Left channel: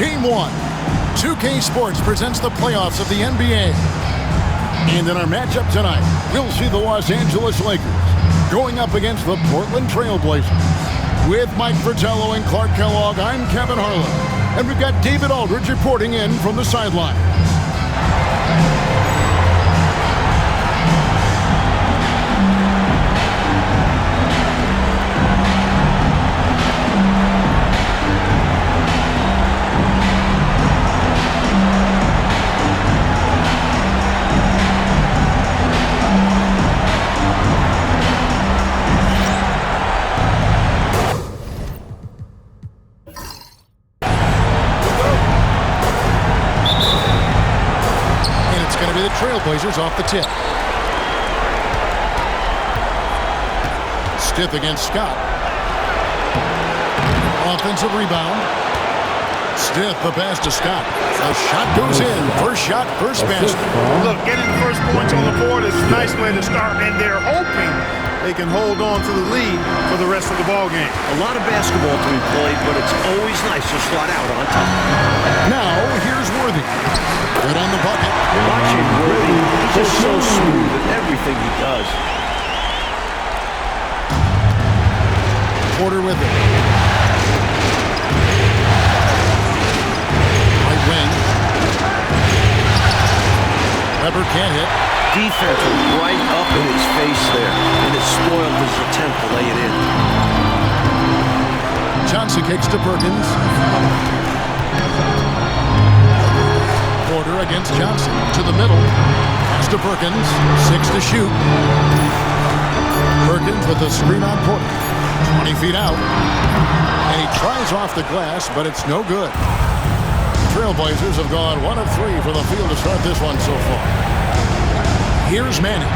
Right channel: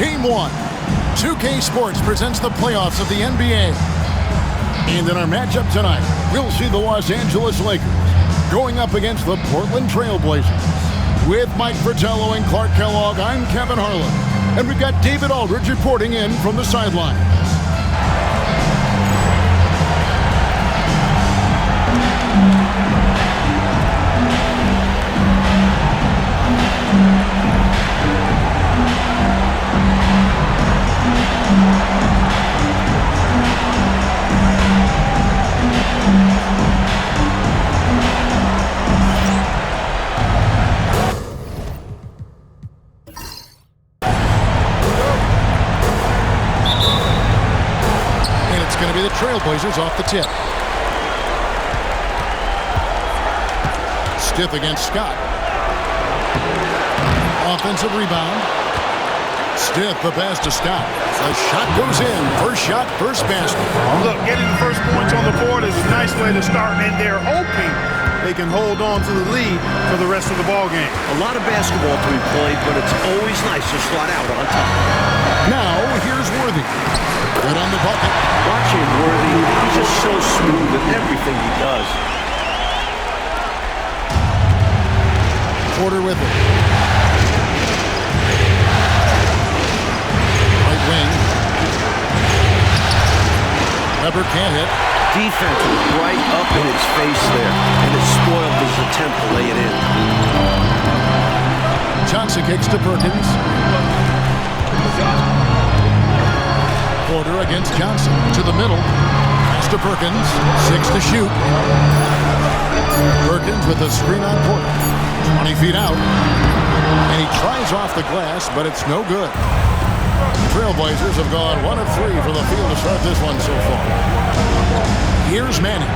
Game 1. 2K Sports presents the playoffs of the NBA. And in our matchup tonight, we'll see the Los Angeles Lakers going up against the Portland Trail Blazers. With Mike Fratello and Clark Kellogg, I'm Kevin Harlan. And we've got David Aldridge reporting in from the sidelines. Going to be the Trailblazers off the tip. Stith against Scott. Offensive rebound. Stith, the pass to Scott. The shot goes in. First shot, first basket. Look, getting the first points on the board is a nice way to start, and they're hoping they can hold on to the lead for the rest of the ball game. A lot of basketball to be played, but it's always nice to slot out on top. Now, here's Worthy. Good on the bucket. Watching Worthy, he's just so smooth in everything he does. Porter with it. Right wing. Weber can't hit. Defense was right up in his face there, and it spoiled his attempt to lay it in. Johnson kicks to Perkins. Porter against Johnson. To the middle. Pass to Perkins. 6 to shoot. Perkins with the screen on Porter. 20 feet out. And he tries off the glass, but it's no good. The Trailblazers have gone 1 of 3 for the field to start this one so far. Here's Manning.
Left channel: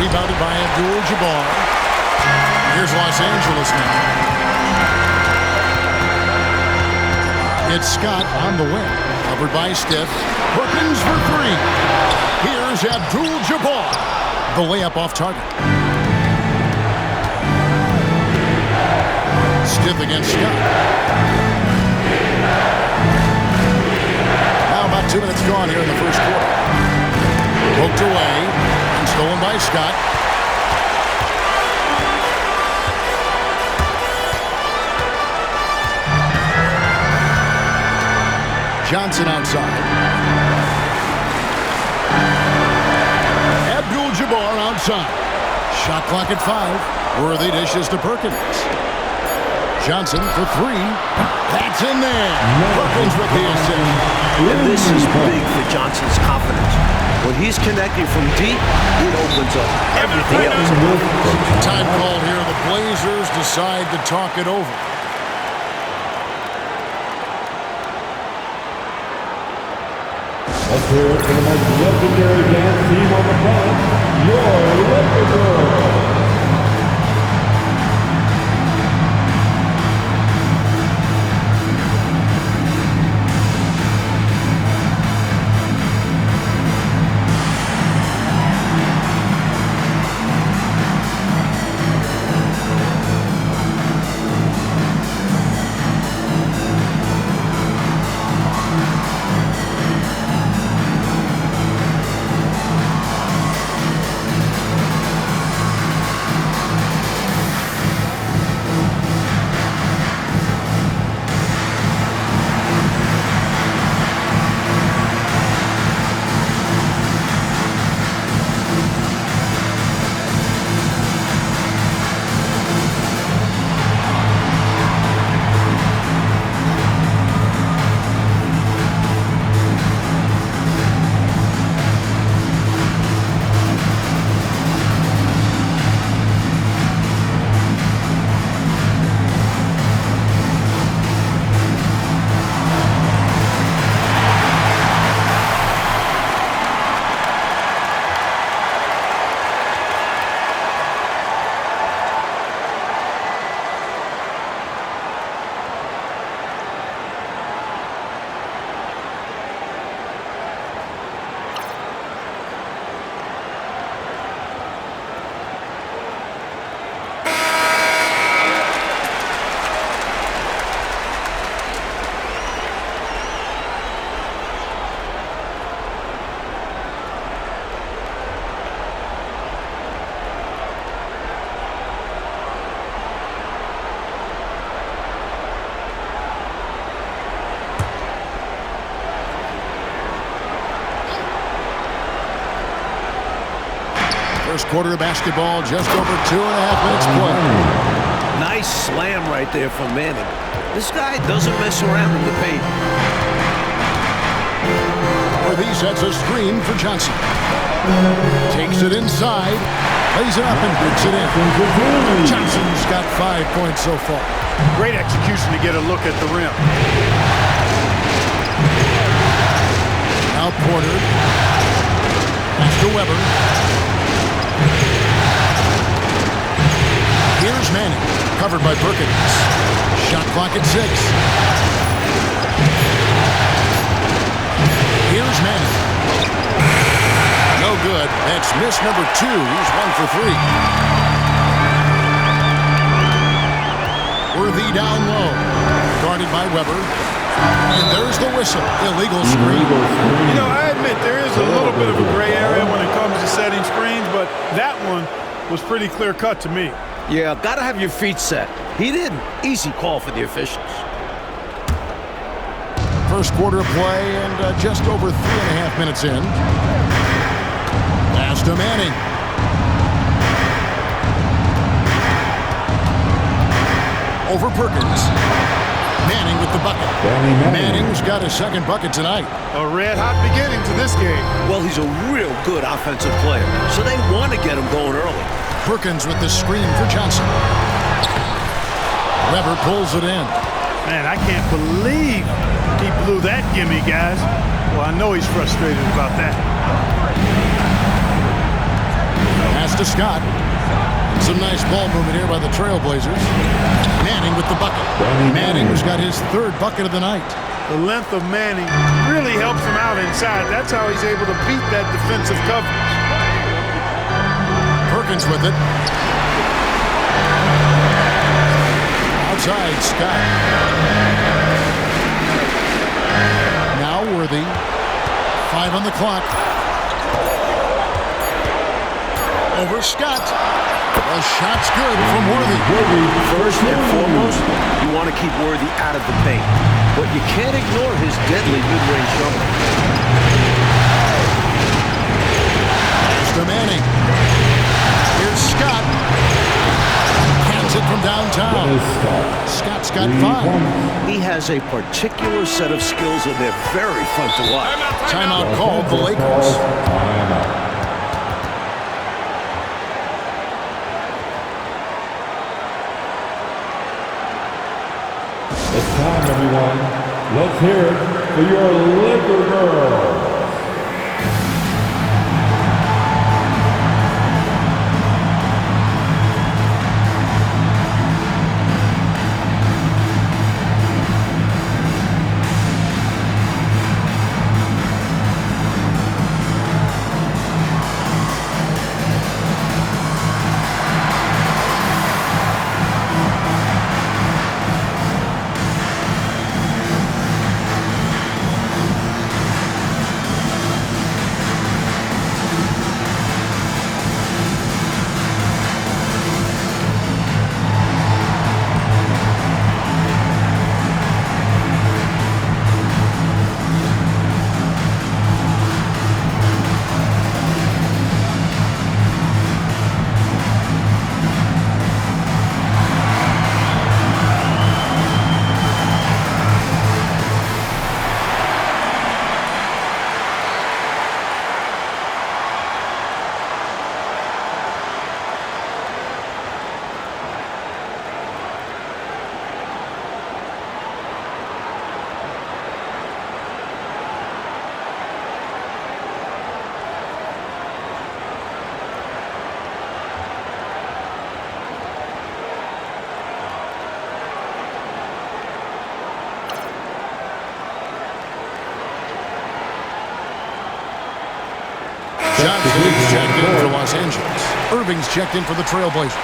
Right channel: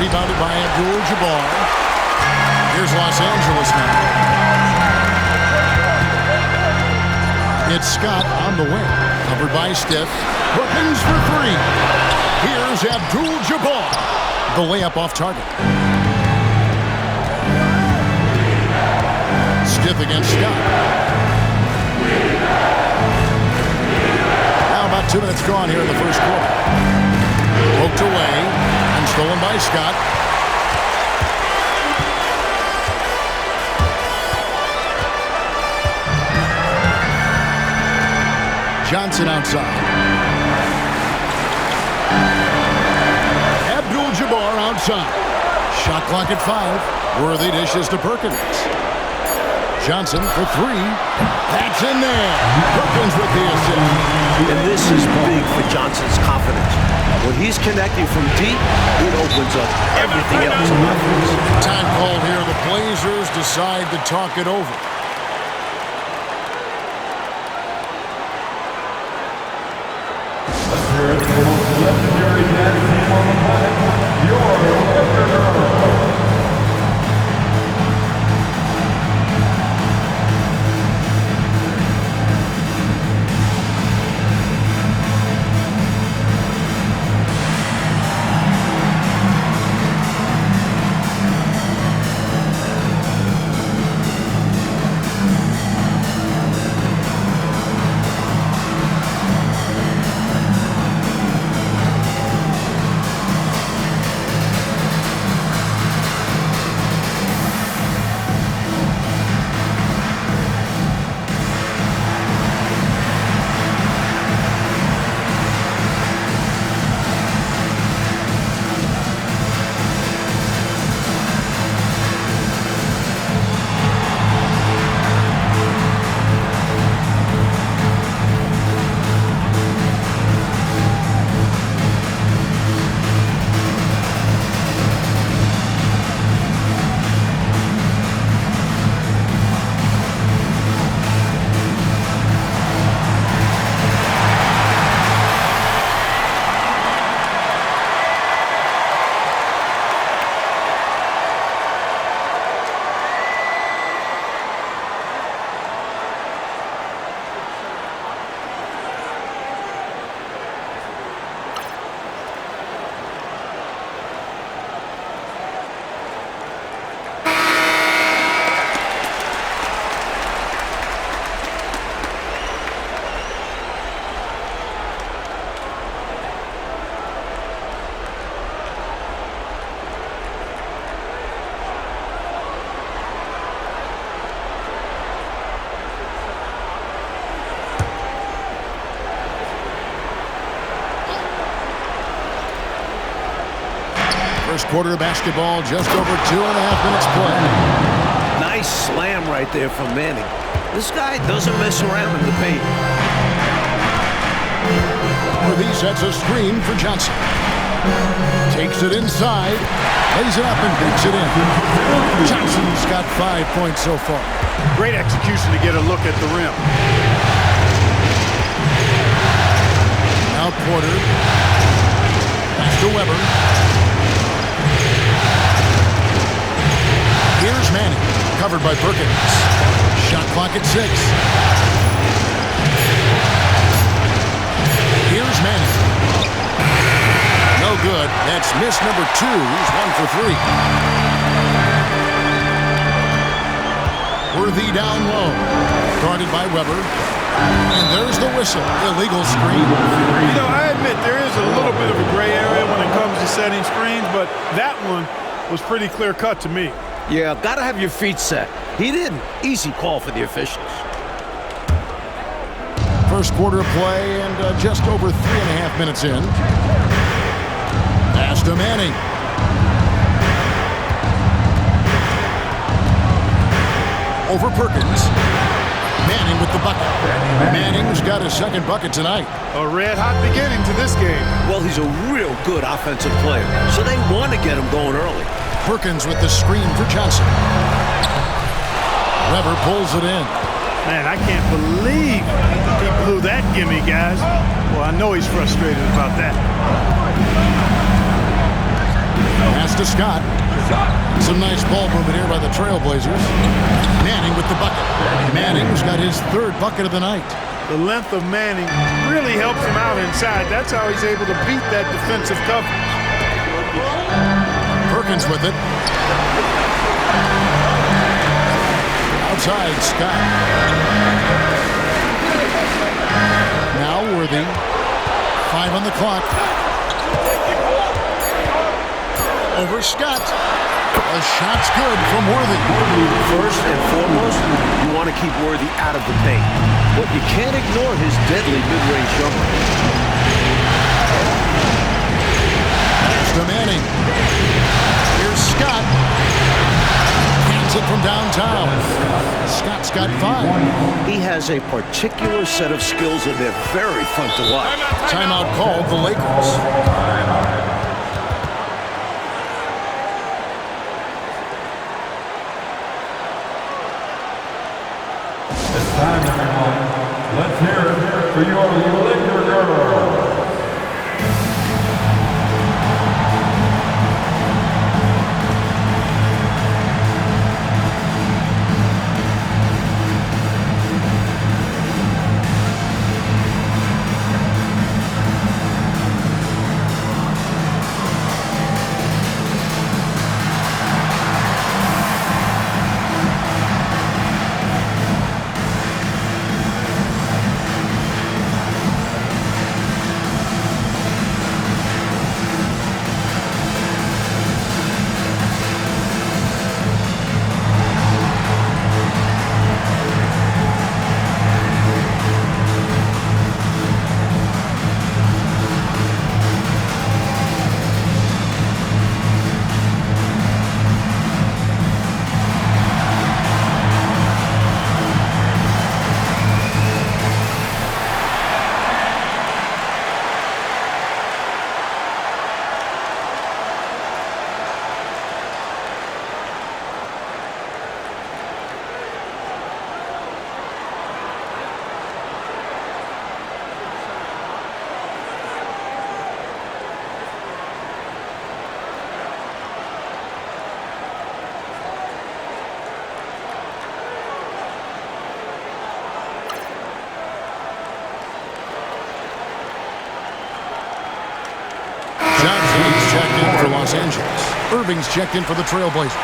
Rebounded by Abdul-Jabbar. Here's Los Angeles now. It's Scott on the wing. Covered by Stith. Perkins for 3. Here's Abdul-Jabbar. The layup off target. Stith against Scott. Now about 2 minutes gone here in the first quarter. Poked away. And stolen by Scott. Johnson outside. Abdul-Jabbar outside. Shot clock at 5. Worthy dishes to Perkins. Johnson for 3. That's in there. Perkins with the assist. And this is big for Johnson's confidence. When he's connecting from deep, it opens up everything else on offense. Time called here. The Blazers decide to talk it over. Let's hear it from the most legendary dance team on the planet, your Laker Girls. First quarter of basketball, just over 2.5 minutes play. Nice slam right there from Manning. This guy doesn't mess around in the paint. Worthy sets a screen for Johnson. Takes it inside, lays it up and beats it in. Johnson's got 5 points so far. Great execution to get a look at the rim. Now Porter. Pass to Weber. Here's Manning, covered by Perkins. Shot clock at 6. Here's Manning. No good. That's miss number 2. He's 1 for 3. Worthy down low. Guarded by Weber. And there's the whistle. Illegal screen. You know, I admit there is a little bit of a gray area when it comes to setting screens, but that one was pretty clear-cut to me. Yeah, gotta have your feet set. He didn't. Easy call for the officials. First quarter of play and just over 3.5 minutes in. Pass to Manning. Over Perkins. Manning with the bucket. Manning's got his second bucket tonight. A red-hot beginning to this game. Well, he's a real good offensive player, so they want to get him going early. Perkins with the screen for Johnson. Weber pulls it in. Man, I can't believe he blew that gimme, guys. Well, I know he's frustrated about that. Pass to Scott. And some nice ball movement here by the Trailblazers. Manning with the bucket. Manning's got his third bucket of the night. The length of Manning really helps him out inside. That's how he's able to beat that defensive coverage. Perkins with it. Outside, Scott. Now Worthy. 5 on the clock. Over Scott. The shot's good from Worthy. First and foremost, you want to keep Worthy out of the paint. But you can't ignore his deadly mid-range jumper. Pass to Manning. Here's Scott. Cans it from downtown. Scott's got 5. He has a particular set of skills, and they're very fun to watch. Timeout called the Lakers. It's time, everyone. Let's hear it for your Laker girls. Johnson's checked in for Los Angeles. Irving's checked in for the Trailblazers.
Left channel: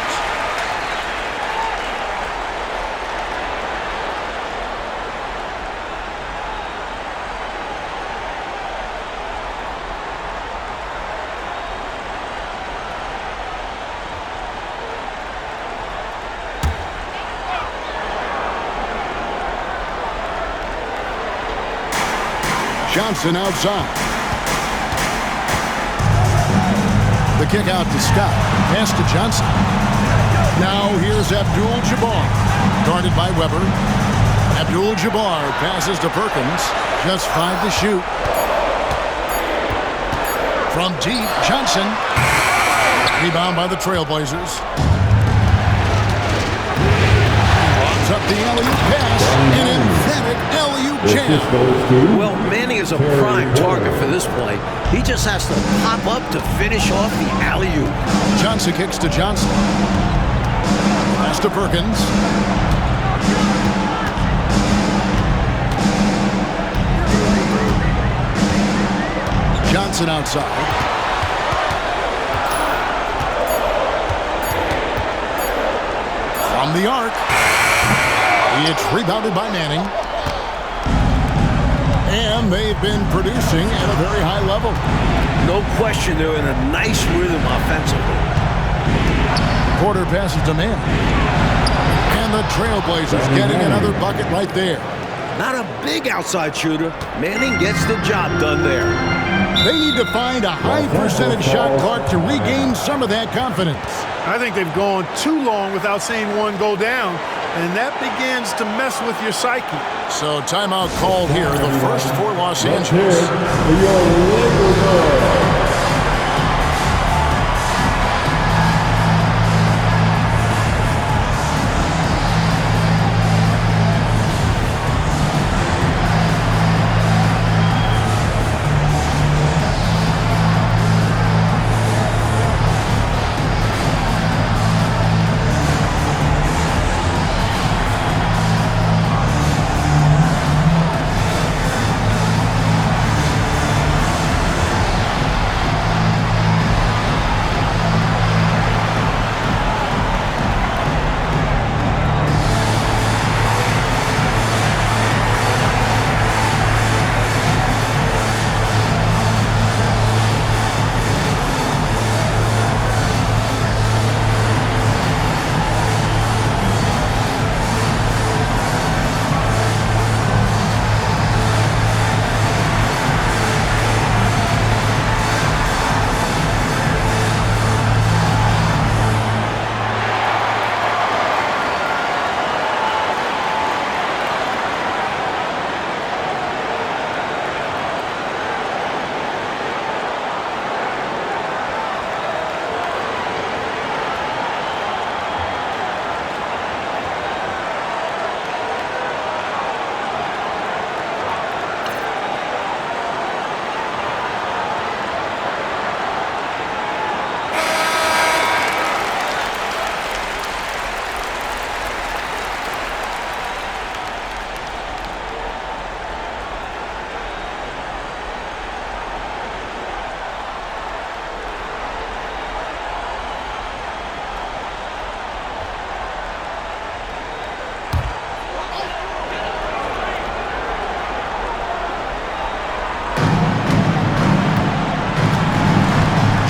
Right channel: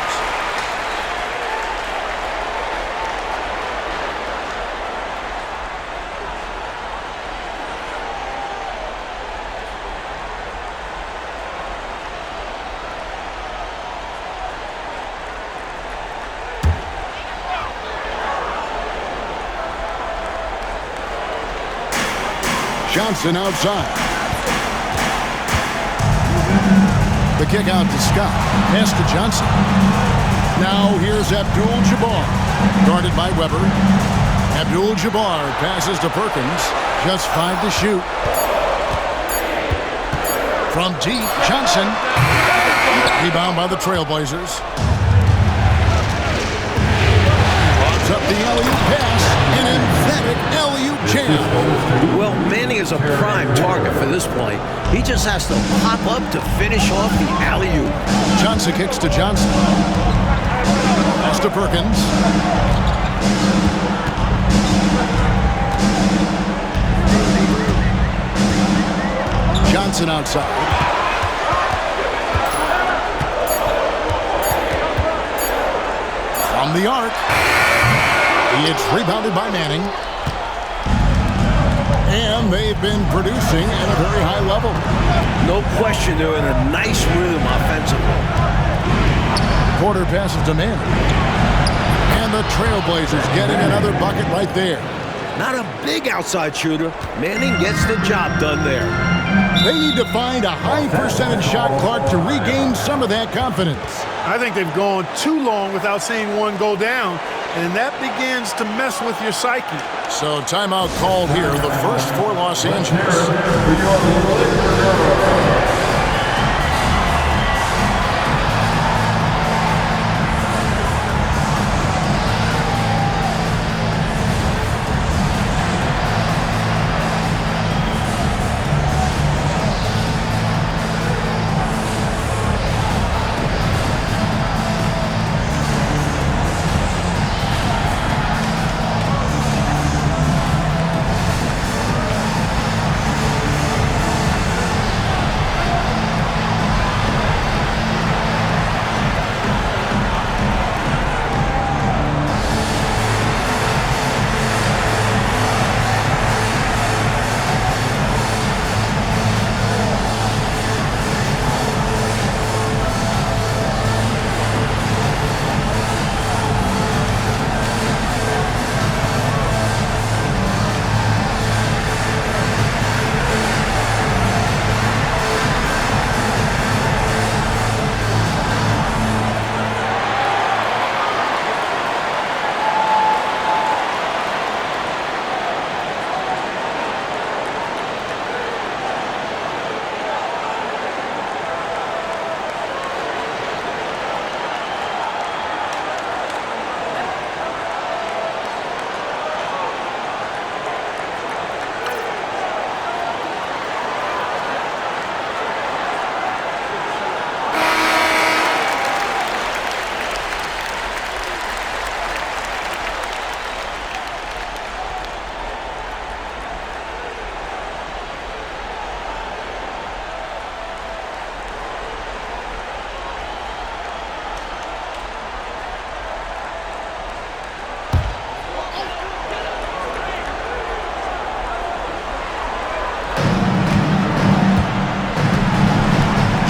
Johnson outside. The kick out to Scott. Pass to Johnson. Now here's Abdul-Jabbar. Guarded by Weber. Abdul-Jabbar passes to Perkins. Just 5 to shoot. From deep, Johnson. Rebound by the Trailblazers. Logs up the alley-oop pass. An emphatic alley-oop jam. Well, Manning is a prime target for this play. He just has to pop up to finish off the alley-oop. Johnson kicks to Johnson. Pass to Perkins. Johnson outside. From the arc. It's rebounded by Manning. And they've been producing at a very high level. No question, they're in a nice rhythm offensively. Porter passes to Manning. And the Trailblazers getting another bucket right there. Not a big outside shooter. Manning gets the job done there. They need to find a high percentage shot clock to regain some of that confidence. I think they've gone too long without seeing one go down, and that begins to mess with your psyche. So timeout called here, the first for Los Angeles.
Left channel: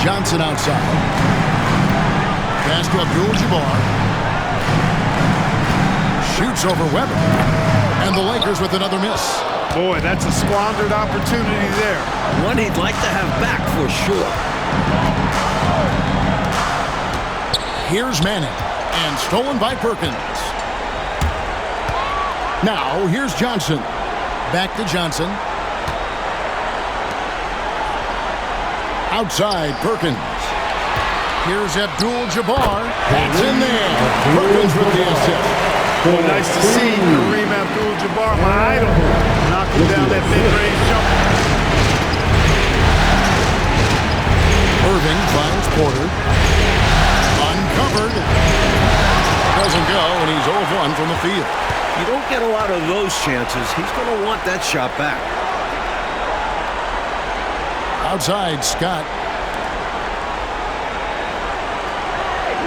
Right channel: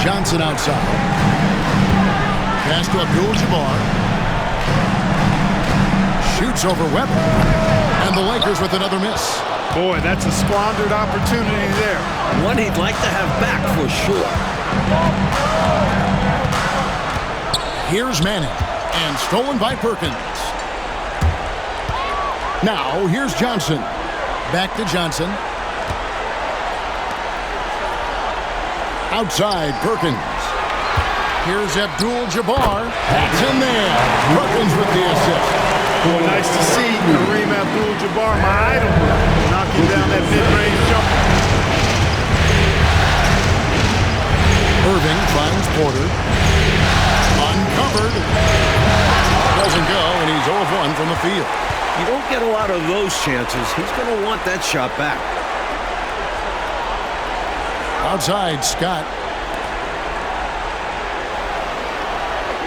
Johnson outside. Pass to Abdul-Jabbar. Shoots over Weber. And the Lakers with another miss. Boy, that's a squandered opportunity there. One he'd like to have back for sure. Here's Manning. And stolen by Perkins. Now, here's Johnson. Back to Johnson. Outside, Perkins. Here's Abdul-Jabbar. That's in there. Perkins with the assist. Boy, nice to see Kareem Abdul-Jabbar, my idol, knocking down that mid-range jumper. Irving finds Porter. Uncovered. Doesn't go, and he's 0 of 1 from the field. You don't get a lot of those chances. He's going to want that shot back. Outside, Scott.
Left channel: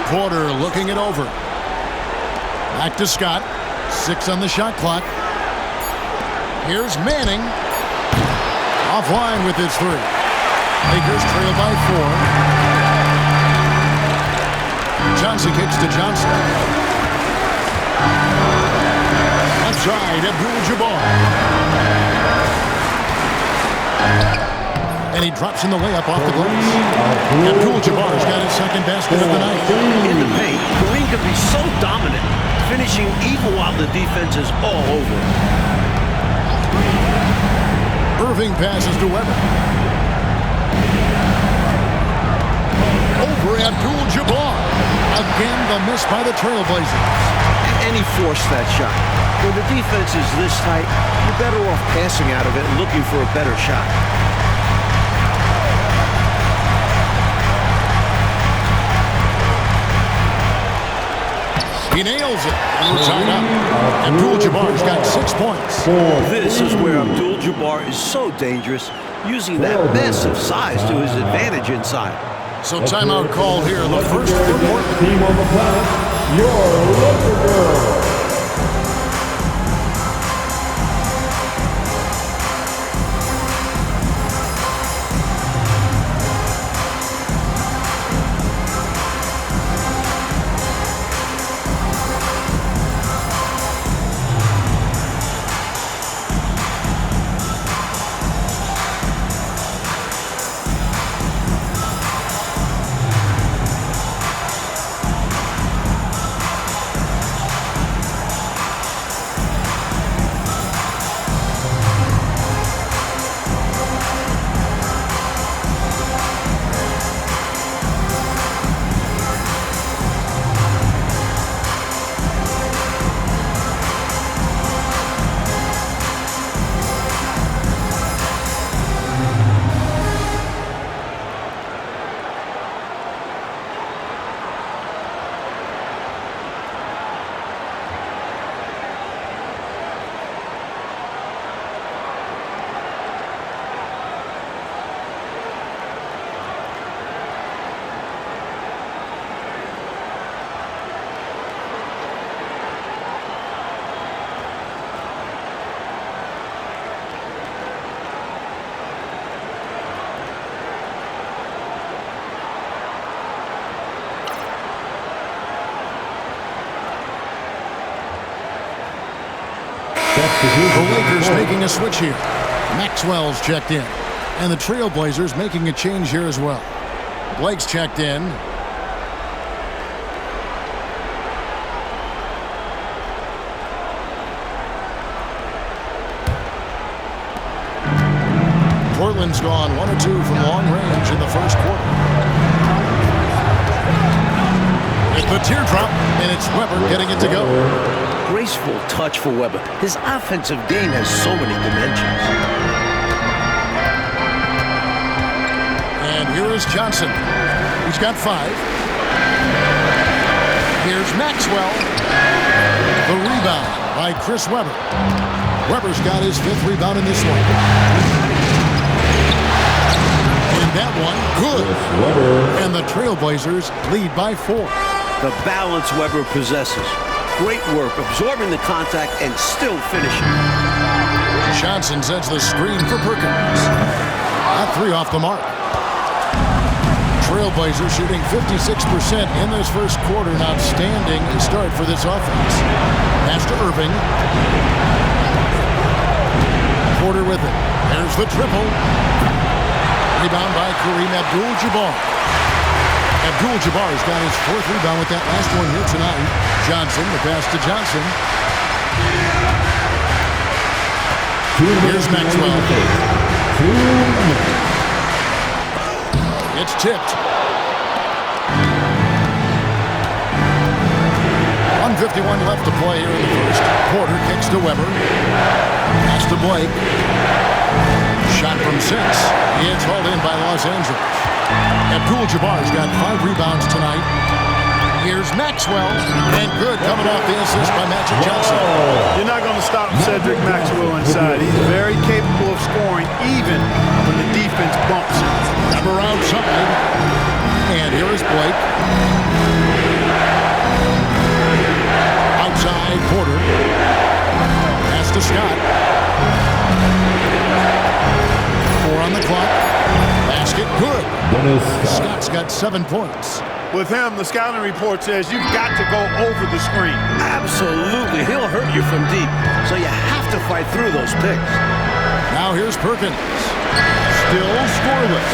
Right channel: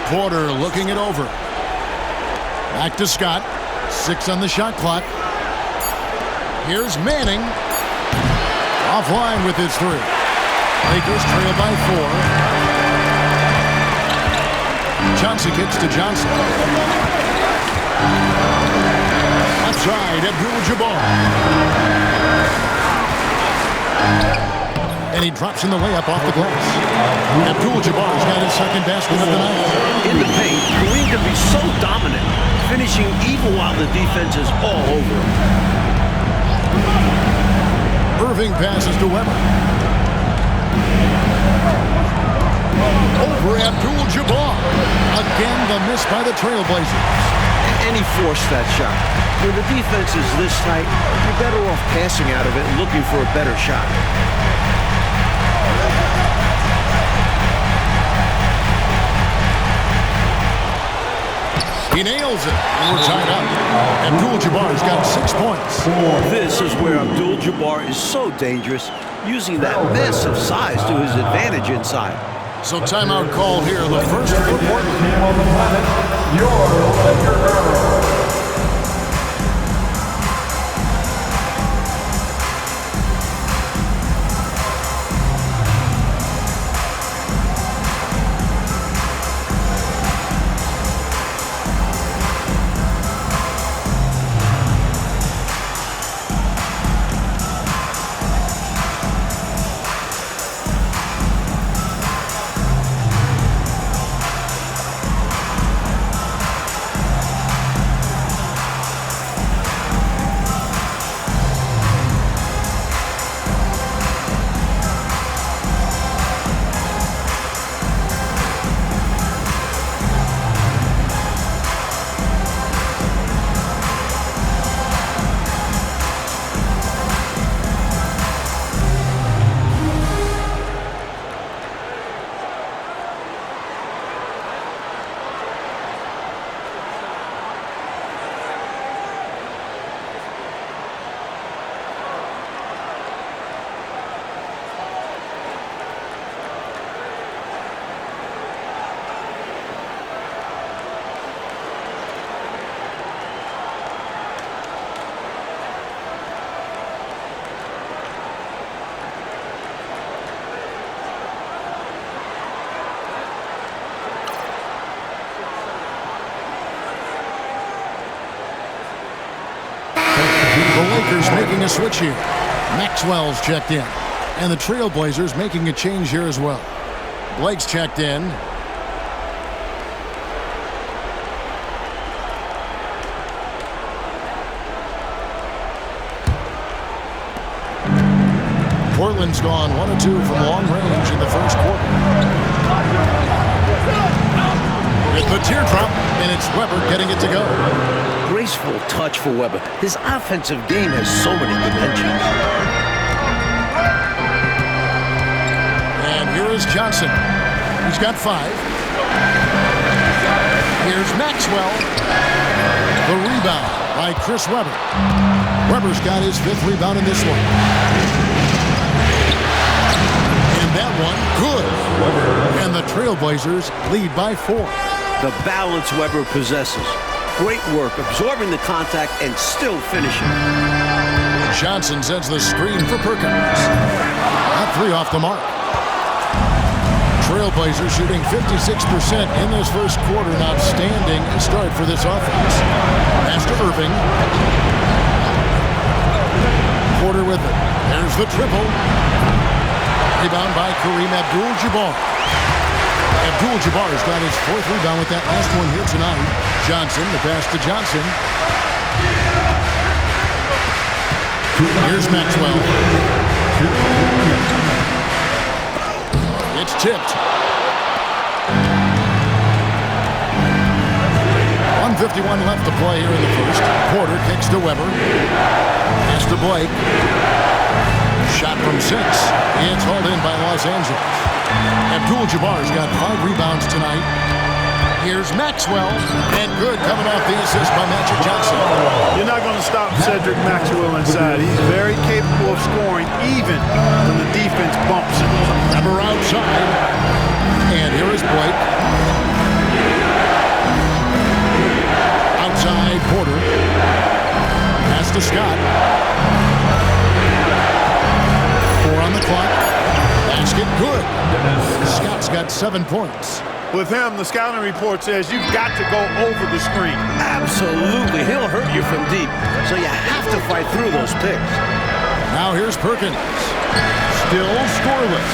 Porter looking it over. Back to Scott. 6 on the shot clock. Here's Manning. Offline with his 3. Lakers trail by 4. Johnson kicks to Johnson. Outside, Abdul-Jabbar. And he drops in the layup off the glass. Abdul-Jabbar's got his second basket of the night. In the paint, Kareem can be so dominant, finishing even while the defense is all over him. Irving passes to Weber. Over Abdul-Jabbar. Again, the miss by the Trailblazers. And he forced that shot. When the defense is this tight, you're better off passing out of it and looking for a better shot. He nails it, and we're tied up. Abdul-Jabbar's got 6 points. This is where Abdul-Jabbar is so dangerous, using that massive size to his advantage inside. So timeout call here, the first for Portland. Team on the planet, your Laker girl. The Lakers making a switch here. Maxwell's checked in. And the Trailblazers making a change here as well. Blake's checked in. Portland's gone 1 of 2 from long range in the first quarter. With the teardrop, and it's Weber getting it to go. Graceful touch for Weber. His offensive game has so many dimensions. And here is Johnson. He's got 5. Here's Maxwell. The rebound by Chris Weber. Weber's got his 5th rebound in this one. And that one, good. And the Trailblazers lead by 4. The balance Weber possesses. Great work, absorbing the contact and still finishing. Johnson sends the screen for Perkins. That 3 off the mark. Trailblazers shooting 56% in this first quarter. An outstanding start for this offense. Pass to Irving. Porter with it. There's the triple. Rebound by Kareem Abdul-Jabbar. Abdul-Jabbar's got his 4th rebound with that last one here tonight. Johnson, the pass to Johnson. Here's Maxwell. It's tipped. 1:51 left to play here in the first. Porter kicks to Weber. Pass to Blake. Shot from 6. It's hauled in by Los Angeles. Abdul-Jabbar's got 5 rebounds tonight. Here's Maxwell, and good coming off the assist by Magic Johnson. You're not going to stop Cedric Maxwell inside. He's very capable of scoring even when the defense bumps him. Weber outside, and here is Blake. Outside, Porter. Pass to Scott. 4 on the clock. Basket, good. Scott's got 7 points. With him, the scouting report says you've got to go over the screen. Absolutely. He'll hurt you from deep, so you have to fight through those picks. Now here's Perkins. still scoreless.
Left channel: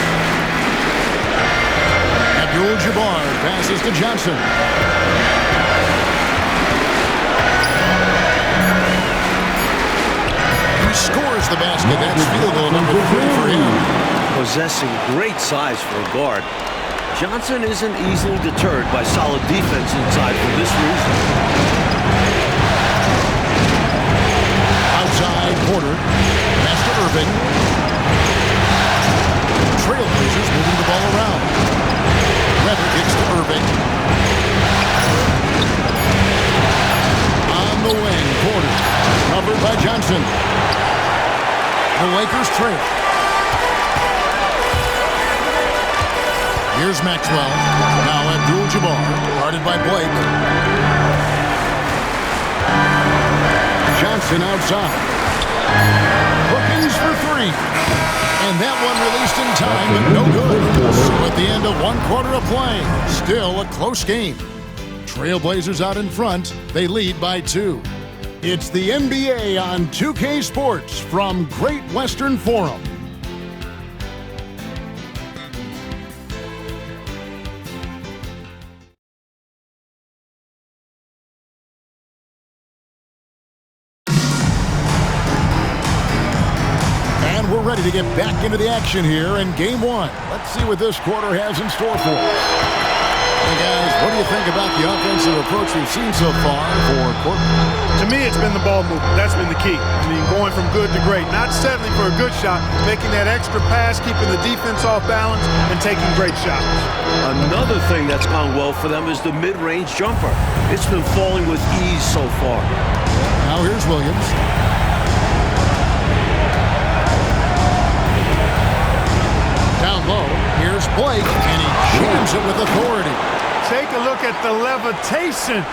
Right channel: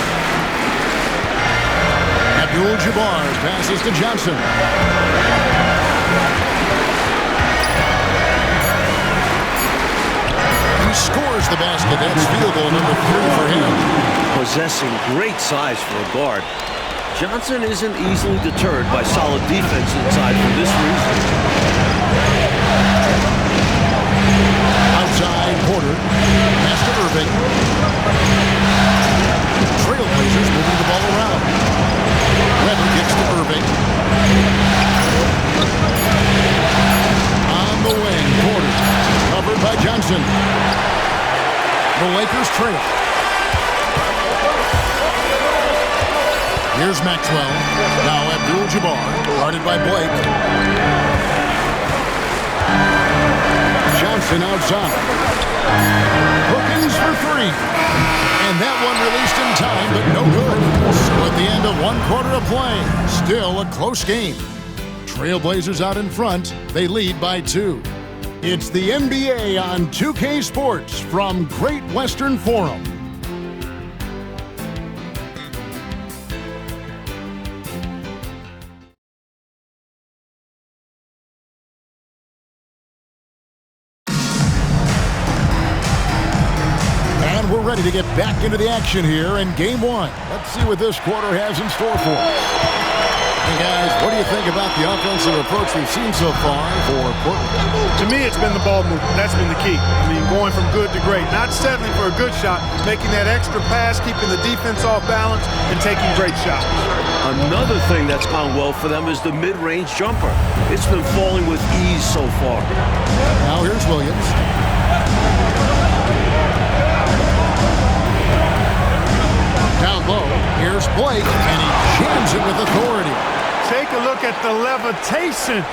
Abdul-Jabbar passes to Johnson. He scores the basket. That's field goal number 3 for him. Possessing great size for a guard, Johnson isn't easily deterred by solid defense inside for this reason. Outside, Porter. Pass to Irving. Trailblazers moving the ball around. Weber kicks to Irving. On the wing, Porter. Covered by Johnson. The Lakers trail. Here's Maxwell. Now Abdul-Jabbar, guarded by Blake. Johnson outside. Perkins for 3. And that one released in time, but no good. So at the end of 1 quarter of play, still a close game. Trailblazers out in front. They lead by 2. It's the NBA on 2K Sports from Great Western Forum. And we're ready to get back into the action here in Game 1. Let's see what this quarter has in store for us. Hey guys, what do you think about the offensive approach we've seen so far for Portland? To me, it's been the ball movement. That's been the key. I mean, going from good to great. Not settling for a good shot, making that extra pass, keeping the defense off balance, and taking great shots. Another thing that's gone well for them is the mid-range jumper. It's been falling with ease so far. Now here's Williams. Down low, here's Blake, and he jams it with authority. Take a look at the levitation.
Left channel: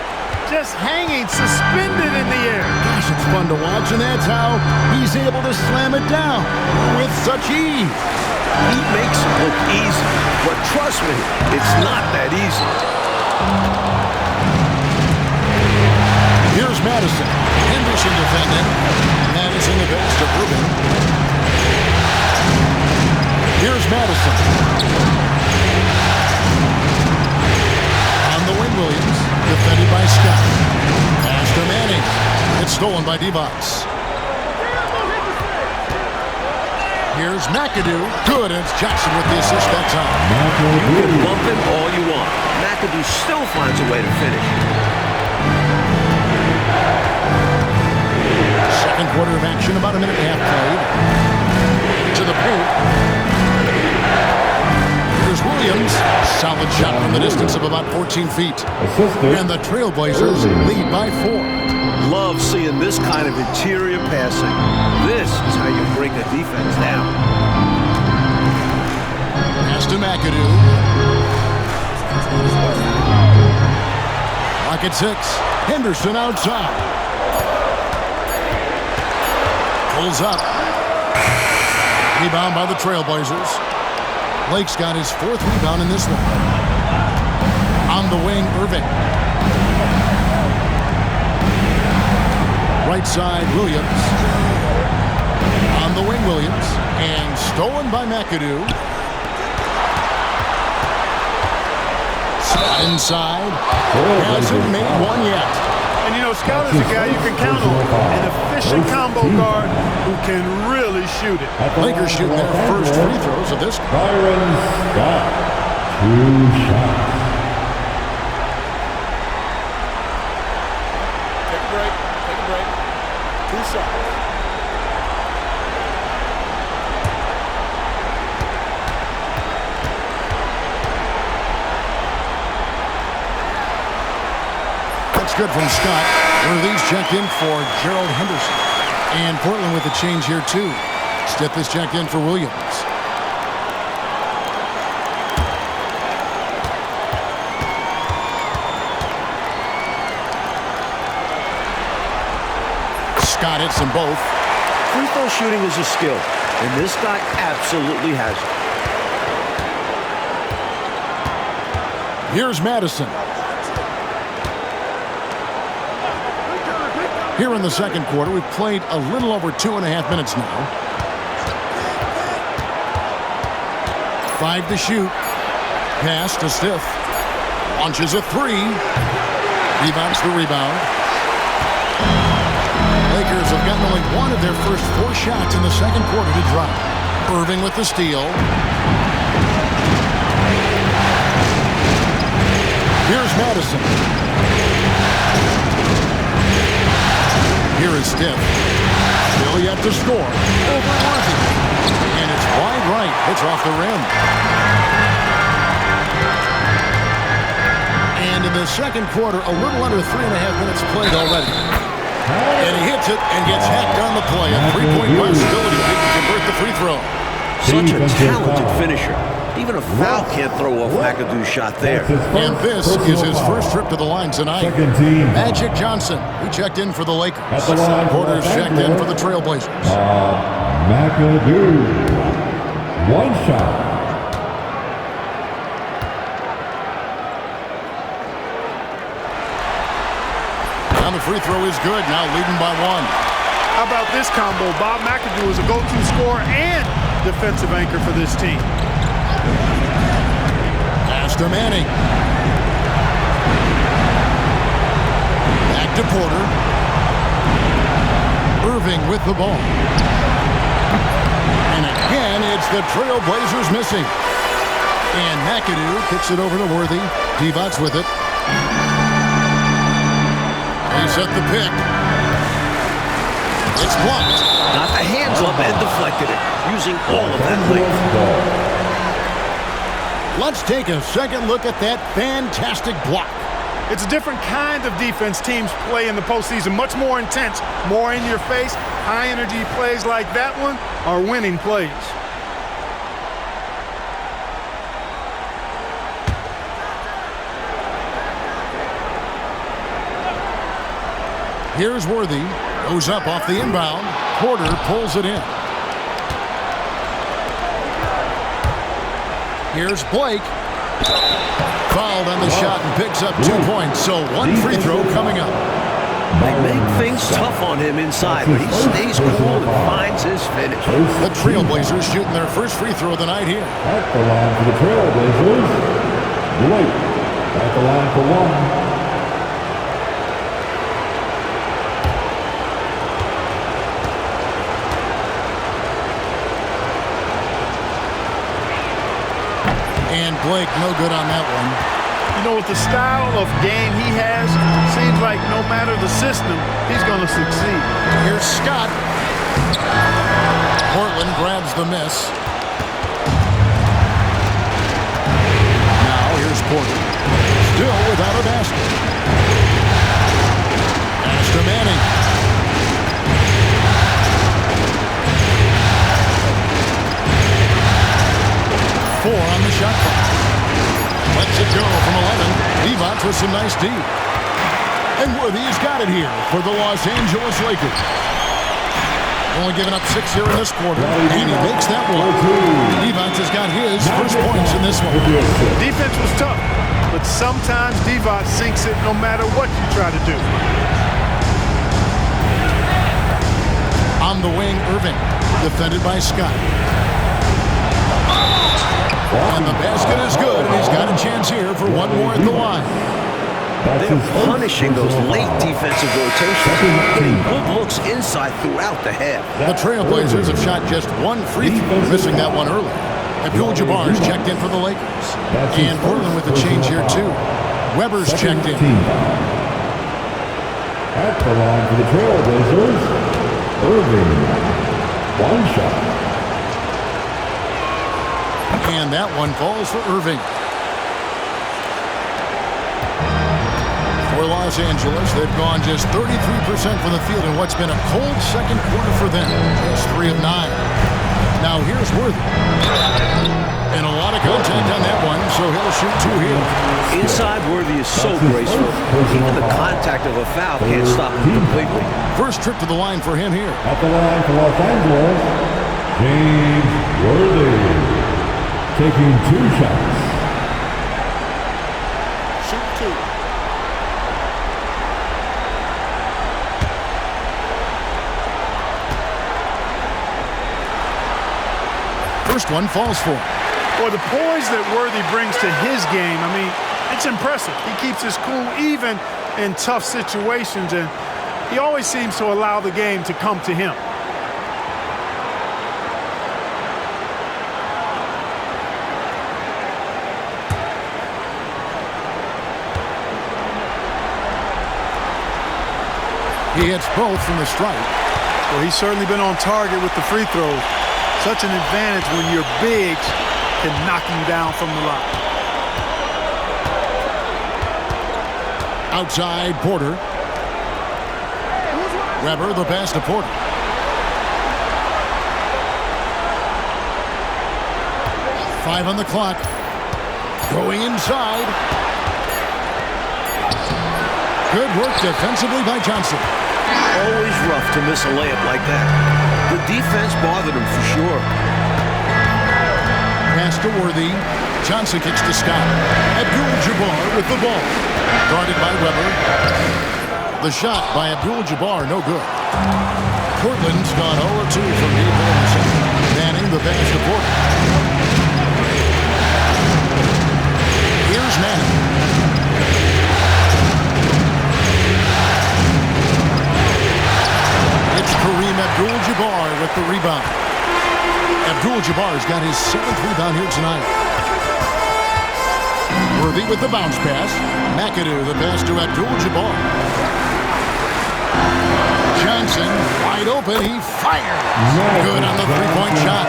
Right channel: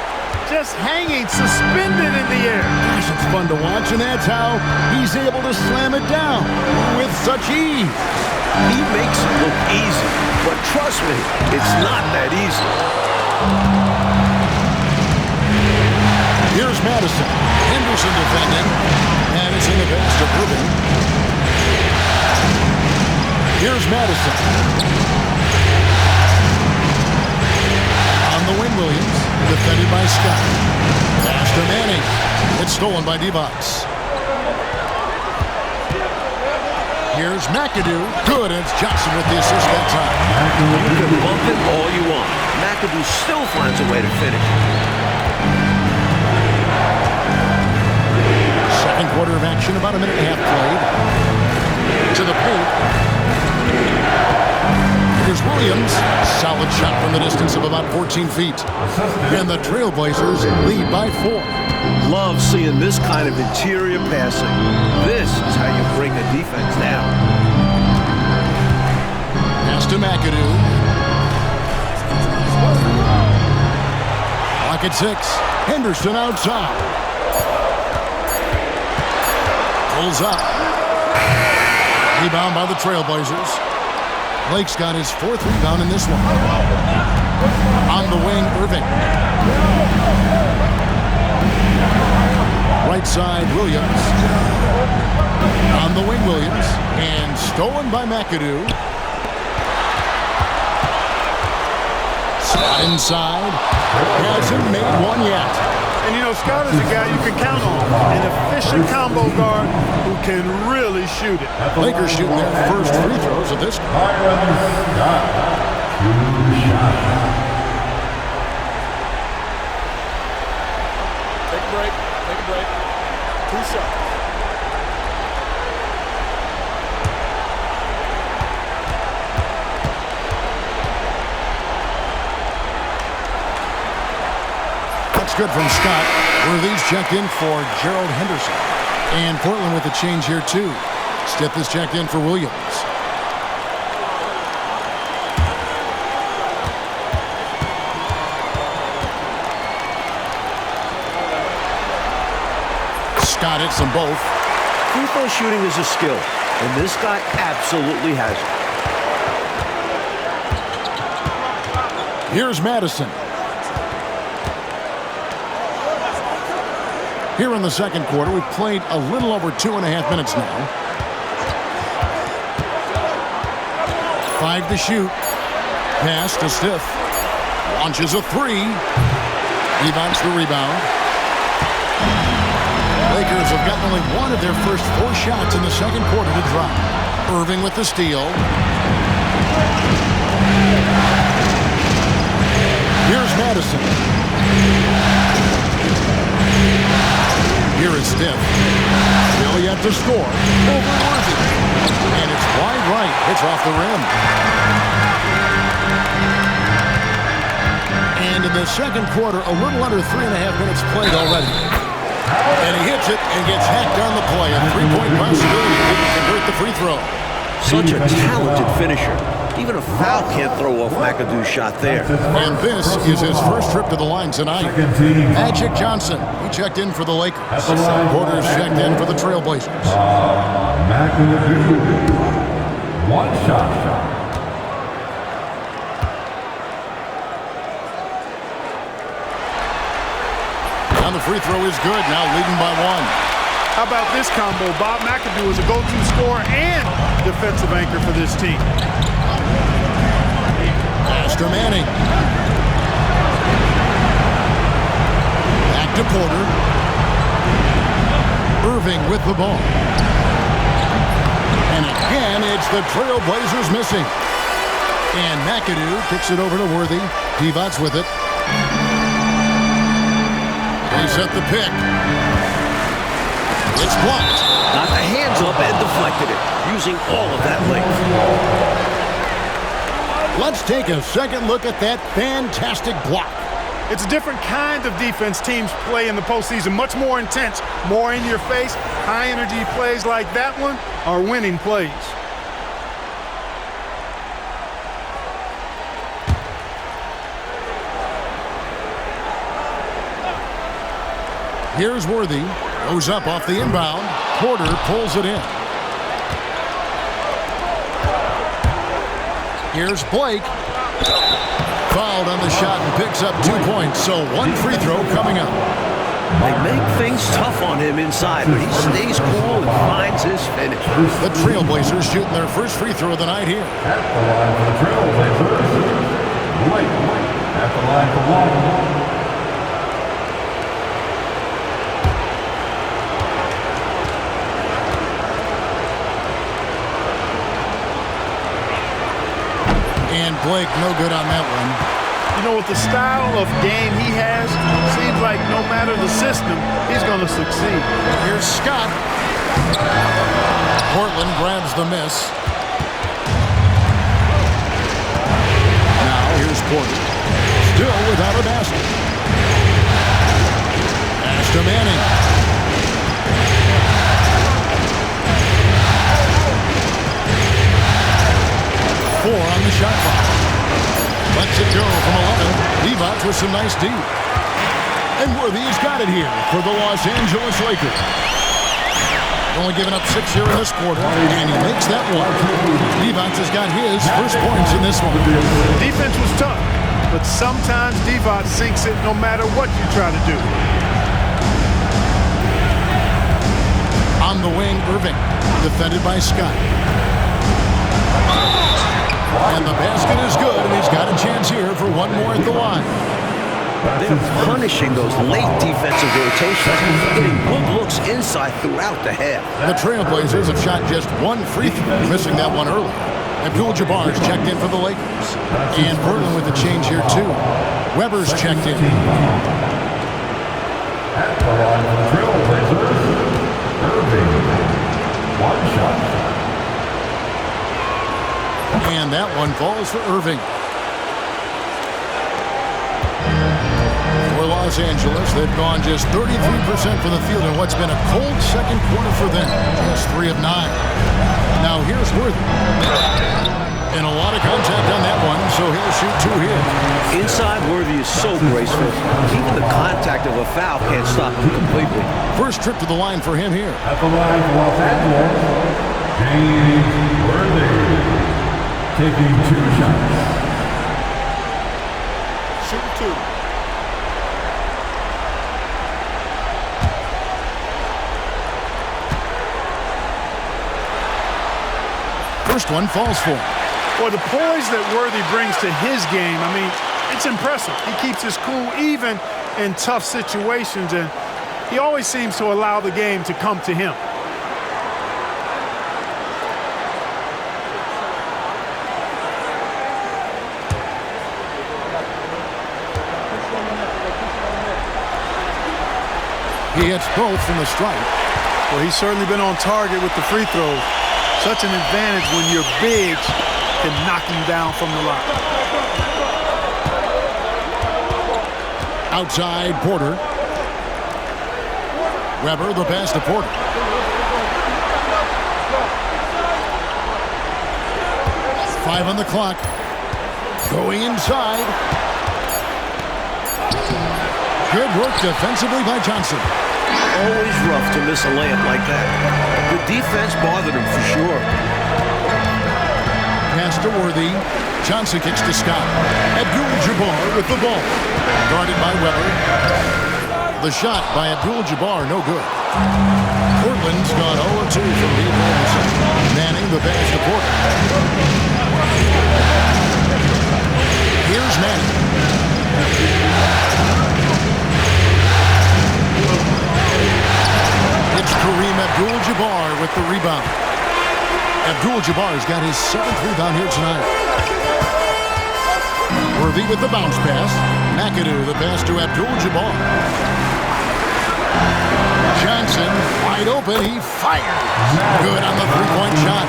Just hanging, suspended in the air. Gosh, it's fun to watch, and that's how he's able to slam it down with such ease. He makes it look easy, but trust me, it's not that easy. Here's Madison. Henderson defending. Madison the pass to Irving. Here's Madison. On the wing, Williams. Defended by Scott. Pass to Manning. It's stolen by Divac. Here's McAdoo. Good, and it's Johnson with the assist that time. You can bump him all you want. McAdoo still finds a way to finish. Second quarter of action, about a minute and a half played. To the paint. Here's Williams. Solid shot from the distance of about 14 feet. And the Trailblazers lead by 4. Love seeing this kind of interior passing. This is how you break a defense down. Pass to McAdoo. Clock at 6. Henderson outside. Pulls up. Rebound by the Trailblazers. Blake's got his 4th rebound in this one. On the wing, Irving. Right side, Williams. On the wing, Williams. And stolen by McAdoo. Scott inside. Hasn't made one yet. And, you know, Scott is a guy you can count on. An efficient combo guard who can really shoot it. Lakers shooting their first free throws of this. Byron Scott, 2 shots. Take a break. Take a break. 2 shots. That's good from Scott. Worthy's checked in for Gerald Henderson. And Portland with a change here, too. Stith is checked in for Williams. Scott hits them both. Free throw shooting is a skill, and this guy absolutely has it. Here's Madison. Here in the second quarter, we've played a little over 2.5 minutes now. 5 to shoot. Pass to Stiff. Launches a 3. Rebounds the rebound. Lakers have gotten only one of their first 4 shots in the second quarter to drop. Irving with the steal. Here's Madison. Here is Stiff. Still yet to score. Over Worthy. And it's wide right. It's off the rim. And in the second quarter, a little under 3.5 minutes played already. And he hits it and gets hacked on the play. A 3-point possibility if he can convert the free throw. Such a talented finisher. Even a foul can't throw off McAdoo's shot there. And this is his first trip to the line tonight. Magic Johnson, he checked in for the Lakers. Porter's checked in for the Trailblazers. McAdoo. 1 shot. And the free throw is good, now leading by 1. How about this combo? Bob McAdoo is a go-to scorer and defensive anchor for this team. Pass to Manning. Back to Porter. Irving with the ball. And again, it's the Trailblazers missing. And McAdoo kicks it over to Worthy. Divac with it. They set the pick. It's blocked. Got the hands up and deflected it, using all of that length. Let's take a second look at that fantastic block. It's a different kind of defense teams play in the postseason. Much more intense, more in your face. High energy plays like that one are winning plays. Here's Worthy. Goes up off the inbound. Porter pulls it in. Here's Blake. Fouled on the shot and picks up 2 points. So 1 free throw coming up. They make things tough on him inside, but he stays cool and finds his finish. The Trailblazers shooting their first free throw of the night here. At the line for the Trailblazers, Blake. At the line for 1. And Blake, no good on that one. You know, with the style of game he has, seems like no matter the system, he's going to succeed. Here's Scott. Portland grabs the miss. Now here's Porter. Still without a basket. Pass to Manning. 4 on the shot clock. Lets it go from 11. Divac with some nice D. And Worthy's got it here for the Los Angeles Lakers. Only giving up 6 here in this quarter, and he makes that one. Divac has got his first points in this one. The defense was tough, but sometimes Divac sinks it no matter what you try to do. On the wing, Irving, defended by Scott. And the basket is good, and he's got a chance here for 1 more at the line. They're punishing those late defensive rotations, getting good looks inside throughout the half. The Trailblazers have shot just 1 free throw, missing that one earlier. Abdul-Jabbar's checked in for the Lakers. And Portland with a change here, too. Weber's checked in. At the line for the Trailblazers, Irving. 1 shot. And that one falls for Irving. For Los Angeles, they've gone just 33% from the field in what's been a cold second quarter for them. Just 3 of 9. Now here's Worthy. And a lot of contact on that one, so he'll shoot 2 here. Inside, Worthy is so graceful. Even the contact of a foul can't stop him completely. First trip to the line for him here. At the line for Los Angeles, James Worthy. Taking 2 shots. Shoot 2. First one falls for him. Or the poise that Worthy brings to his game, I mean, it's impressive. He keeps his cool even in tough situations, and he always seems to allow the game to come to him. He hits both from the stripe. Well, he's certainly been on target with the free throws. Such an advantage when your bigs can knock him down from the line. Outside, Porter. Weber, the pass to Porter. Five on the clock. Going inside. Good work defensively by Johnson. Always rough to miss a layup like that. The defense bothered him for sure. Pass to Worthy. Johnson kicks to Scott. Abdul-Jabbar with the ball. Guarded by Weber. The shot by Abdul-Jabbar, no good. Portland's gone 0-2 from deep in the second. Manning the pass to Porter. Here's Manning. It's Kareem Abdul-Jabbar with the rebound. Abdul-Jabbar's got his 7th rebound here tonight. Worthy with the bounce pass. McAdoo the pass to Abdul-Jabbar. Johnson wide open. He fires. Good on the three-point shot.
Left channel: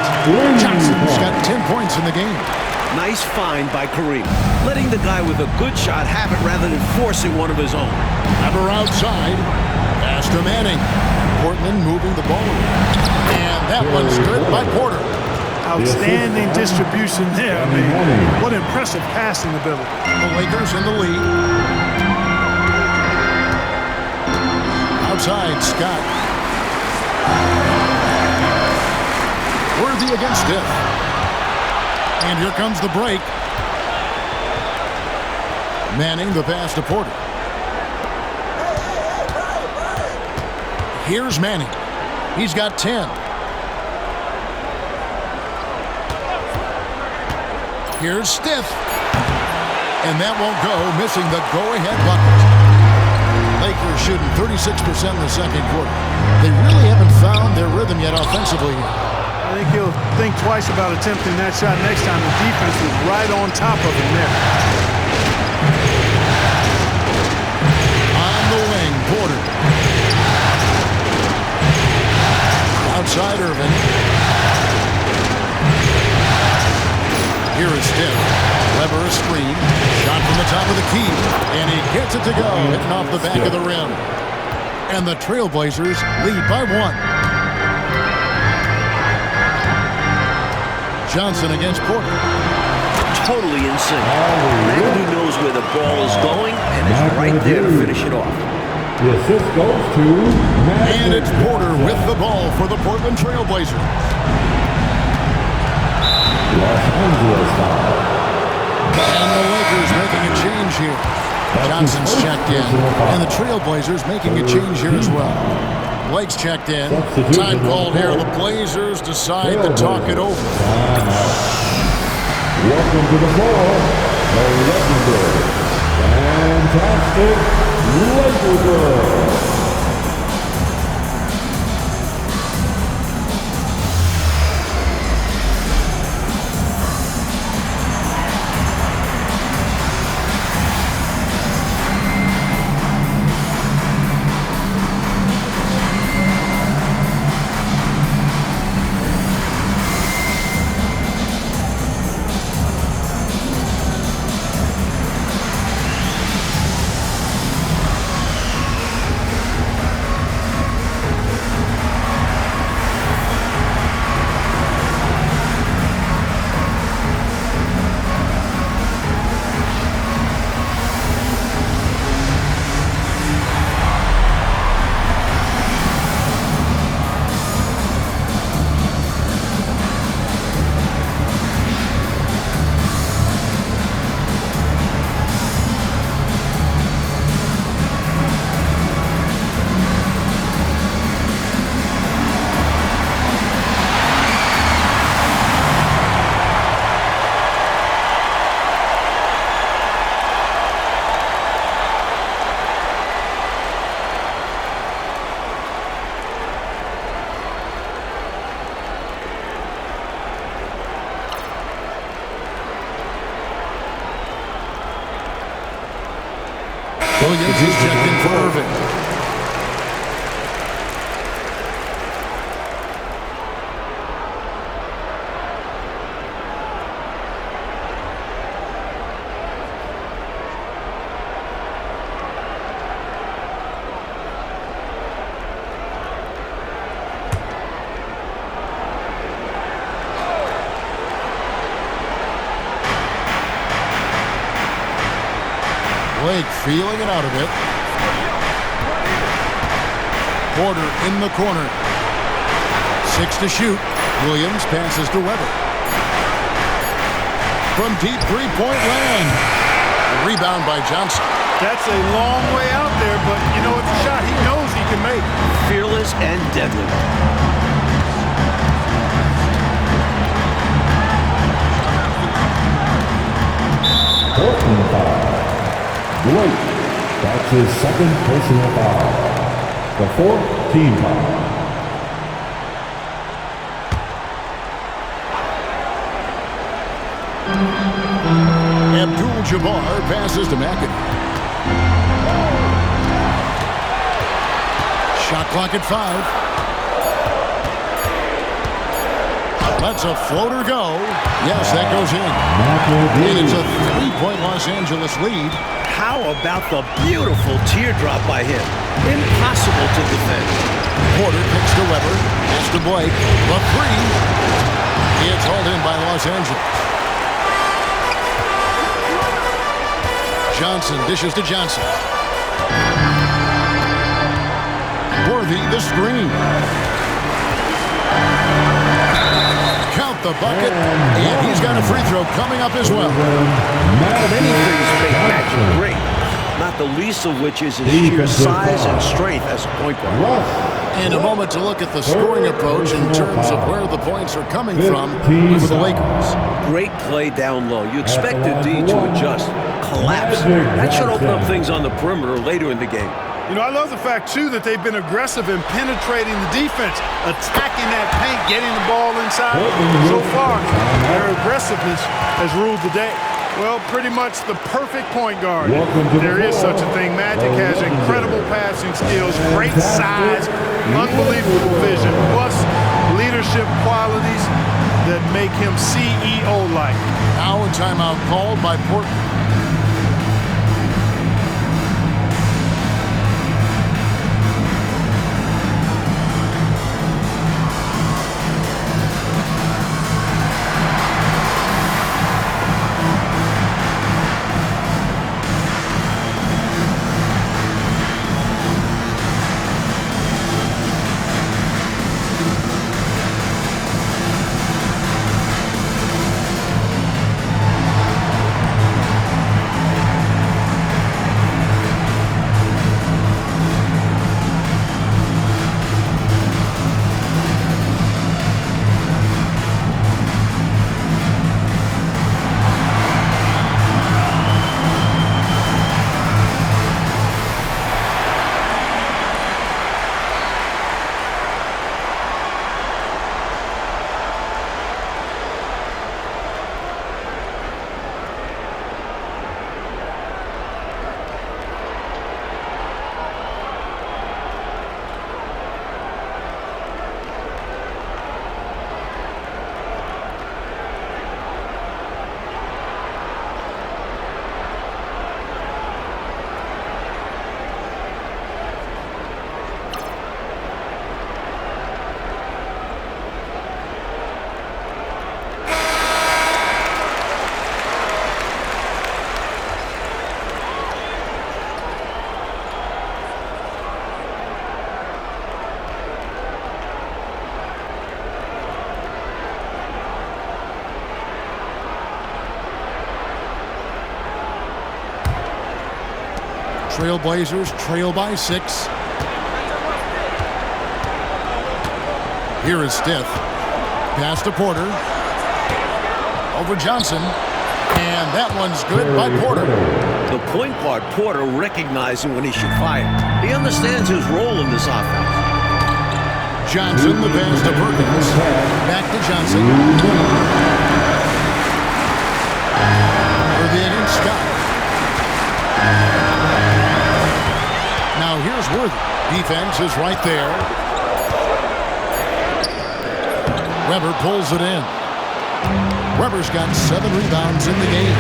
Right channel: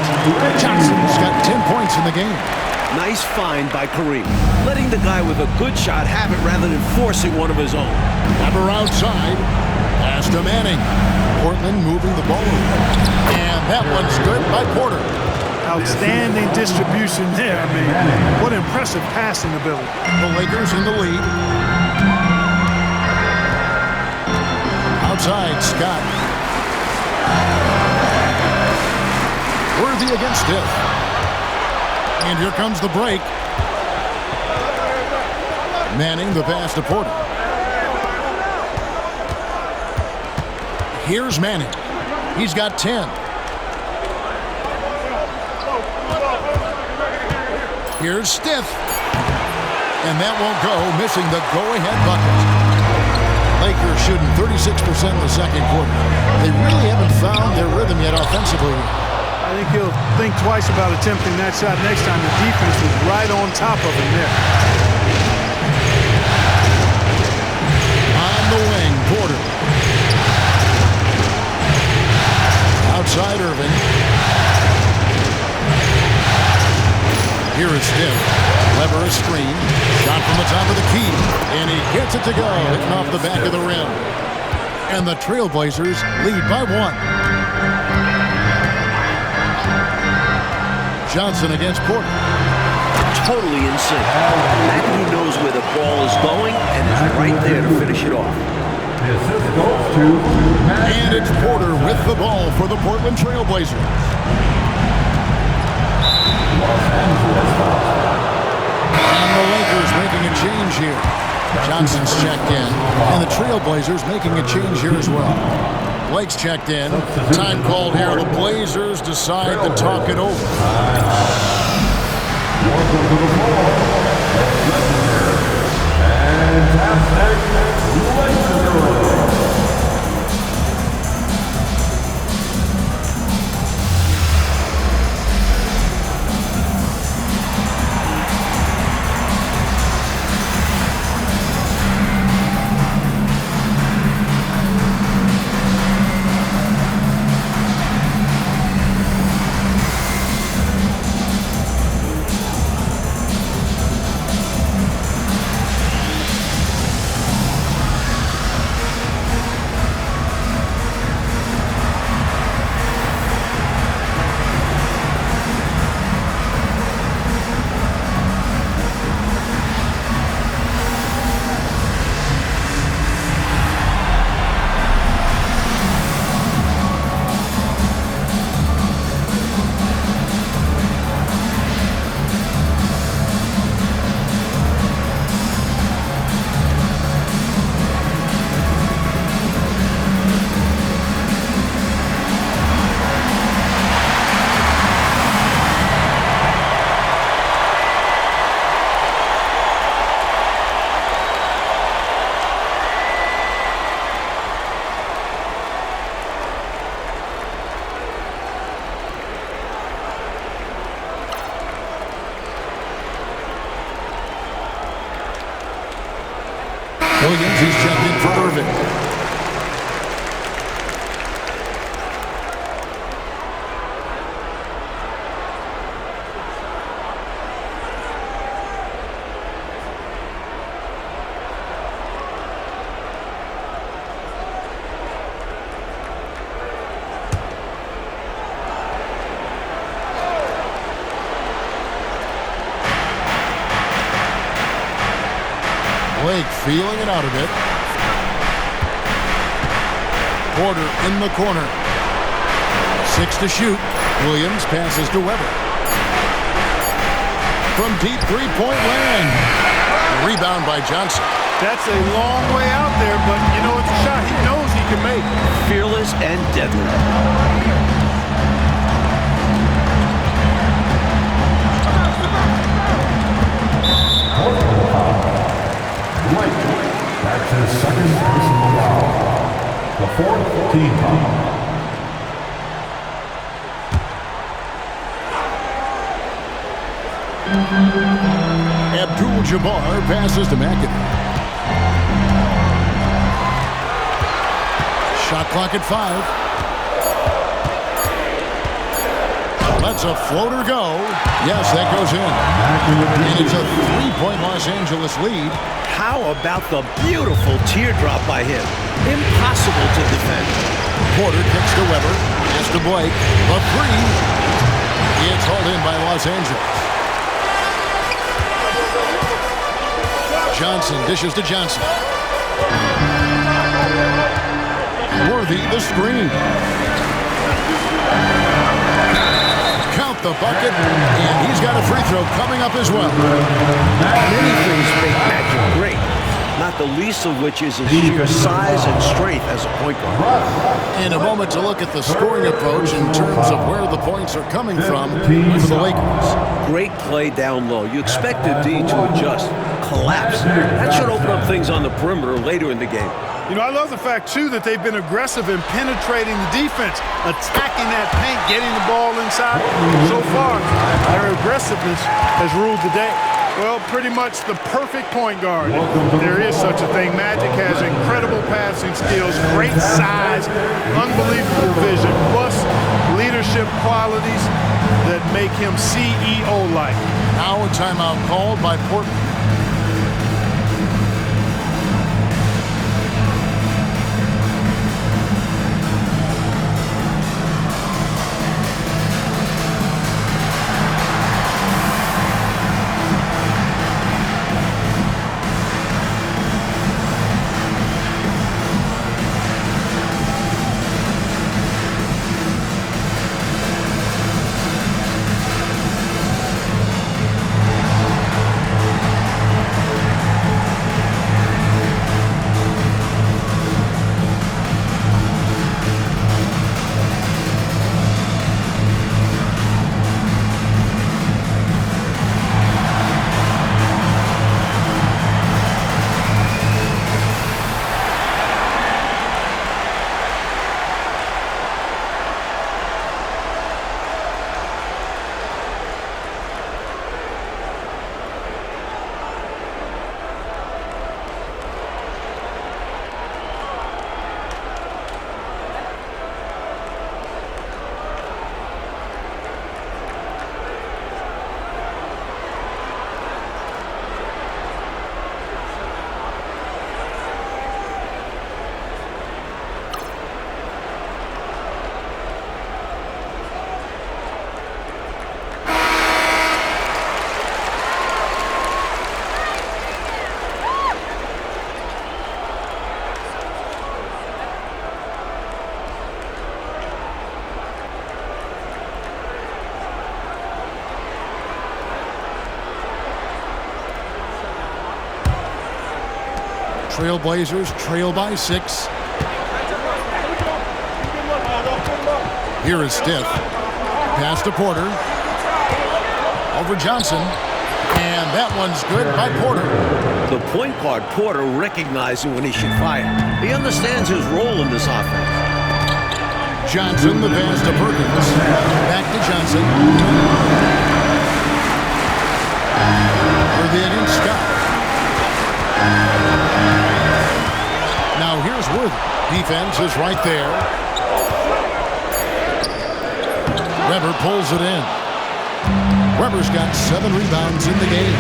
Johnson's got 10 points in the game. Nice find by Kareem. Letting the guy with a good shot have it rather than forcing one of his own. Weber outside. Pass to Manning. Portland moving the ball over. And that one's good by Porter. Outstanding distribution there. I mean, what impressive passing ability. The Lakers in the lead. Outside, Scott. Worthy against Stiff. And here comes the break. Manning the pass to Porter. Here's Manning. He's got 10. Here's Stiff. And that won't go, missing the go-ahead bucket. Lakers shooting 36% in the second quarter. They really haven't found their rhythm yet offensively here. I think he'll think twice about attempting that shot next time. The defense was right on top of him there. On the wing, Porter. Outside Irving. Here is Stiff. Weber a screen. Shot from the top of the key. And he gets it to go. Hitting off the back of the rim. And the Trailblazers lead by 1. Johnson against Porter. Totally in sync. McAdoo knows where the ball is going and is right there to finish it off. The assist goes to And it's Porter with the ball for the Portland Trailblazers. Los Angeles foul. And the Lakers making a change here. Johnson's checked in. And the Trailblazers making a change here as well. Blake's checked in. Time called here. The Blazers decide to talk it over. Welcome to the floor, the legendary, fantastic Laker girl. Williams is checked in for Irvin. Blake feeling it out a bit. Porter in the corner. 6 to shoot. Williams passes to Weber. From deep three-point land. Rebound by Johnson. That's a long way out there, but you know it's a shot he knows he can make. Fearless and deadly. Portland foul. Blake, that's his second personal foul. The 4th team foul. Abdul-Jabbar passes to McAdoo. Shot clock at 5. Lets a floater go. Yes, that goes in. And it's a 3-point Los Angeles lead. How about the beautiful teardrop by him? Impossible to defend. Porter kicks to Weber. Pass to Blake. The 3. It's hauled in by Los Angeles. Johnson dishes to Johnson. Worthy the screen. Count the bucket, and he's got a free throw coming up as well. Many things make Magic great, not the least of which is his sheer size and strength as a point guard. In a moment to look at the scoring approach in terms of where the points are coming from for the Lakers. Great play down low. You expect the D to adjust, collapse. That should open up things on the perimeter later in the game. You know, I love the fact, too, that they've been aggressive in penetrating the defense, attacking that paint, getting the ball inside. So far, their aggressiveness has ruled the day. Well, pretty much the perfect point guard. There is such a thing. Magic has incredible passing skills, great size, unbelievable vision, plus leadership qualities that make him CEO-like. Now a timeout called by Portland. Trailblazers trail by 6. Here is Stith. Pass to Porter. Over Johnson. And that one's good by Porter. The point guard, Porter, recognizing when he should fire. He understands his role in this offense. Johnson, the pass to Perkins. Back to Johnson. Worthy against Scott. is Worthy. Defense is right there. Weber pulls it in. Weber's got 7 rebounds in the game.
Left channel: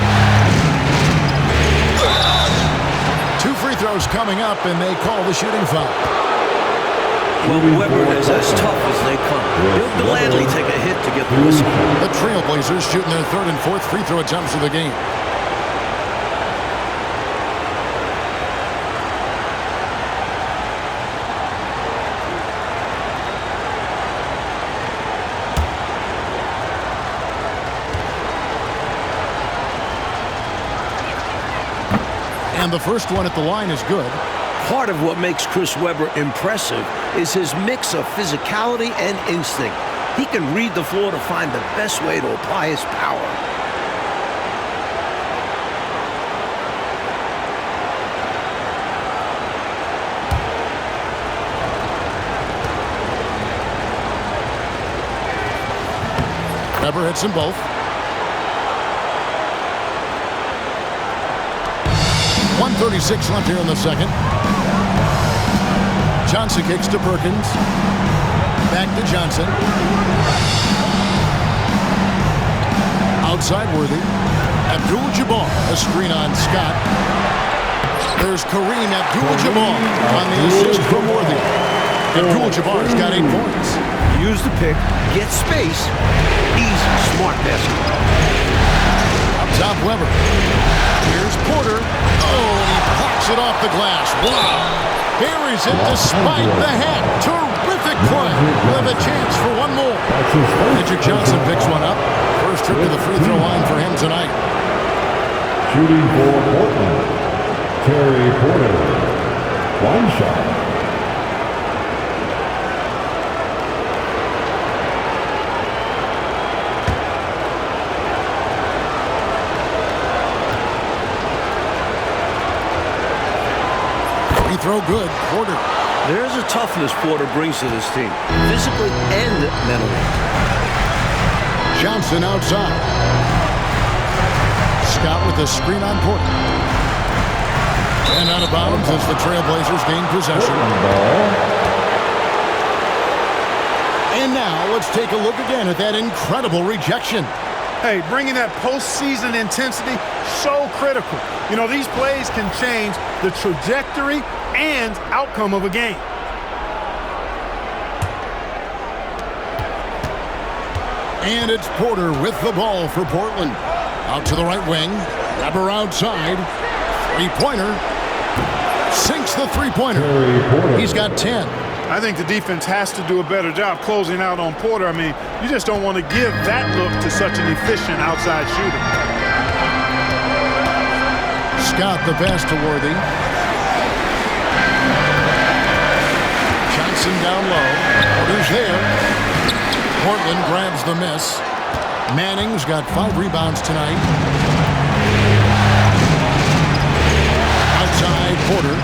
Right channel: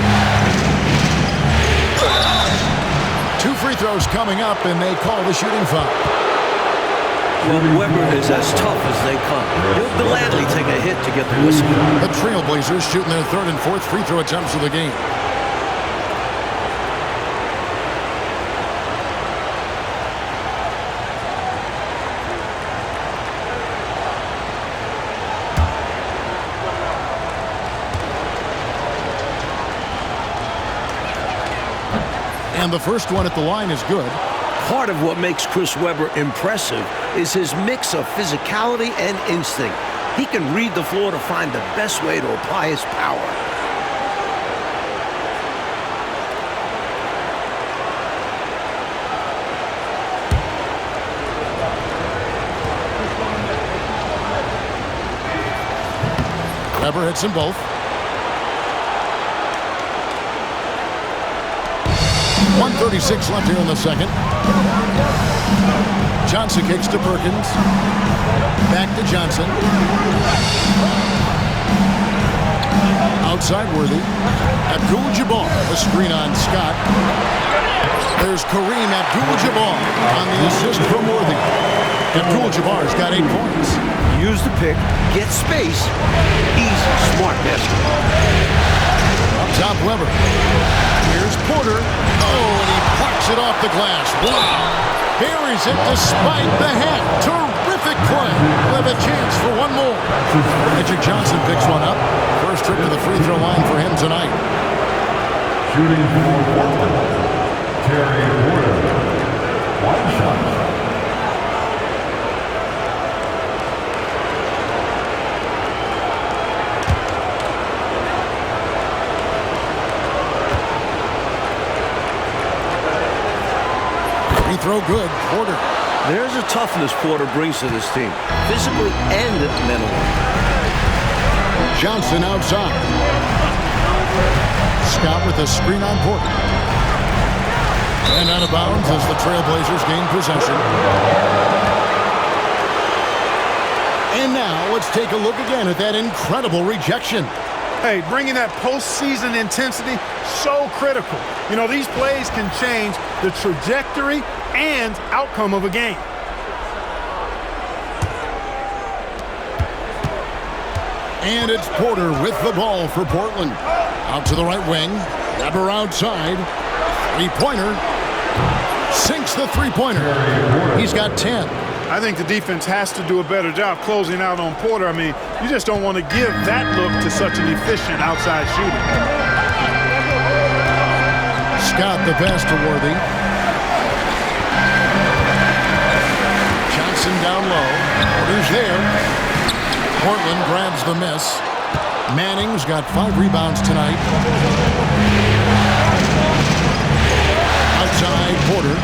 2 free throws coming up, and they call the shooting foul. Well, Weber is as tough as they come. He'll gladly take a hit to get the whistle. The Trailblazers shooting their 3rd and 4th free throw attempts of the game. And the first one at the line is good. Part of what makes Chris Webber impressive is his mix of physicality and instinct. He can read the floor to find the best way to apply his power. Weber hits them both. 1:36 left here in the second. Johnson kicks to Perkins. Back to Johnson. Outside Worthy. Abdul-Jabbar, a screen on Scott. There's Kareem Abdul-Jabbar on the assist from Worthy. Abdul-Jabbar's got 8 points. Use the pick, get space. Easy, smart basketball. Up top, Weber. Here's Porter. Oh, and he plucks it off the glass. Wow. Buries it despite the hat. Terrific play. We'll have a chance for one more. Magic Johnson picks one up. First trip to the free throw line for him tonight. Shooting for Portland, Terry Porter. One shot. Free throw good. Porter. There's a toughness Porter brings to this team, physically and mentally. Johnson outside. Scott with a screen on Porter. And out of bounds as the Trailblazers gain possession. And now let's take a look again at that incredible rejection. Hey, bringing that postseason intensity, so critical. You know, these plays can change the trajectory and outcome of a game. And it's Porter with the ball for Portland. Out to the right wing. Weber outside. Three-pointer. Sinks the three-pointer. He's got 10. I think the defense has to do a better job closing out on Porter. I mean, you just don't want to give that look to such an efficient outside shooter. Scott the pass to Worthy. Johnson down low. Porter's there. Portland grabs the miss. Manning's got 5 rebounds tonight. Outside Porter.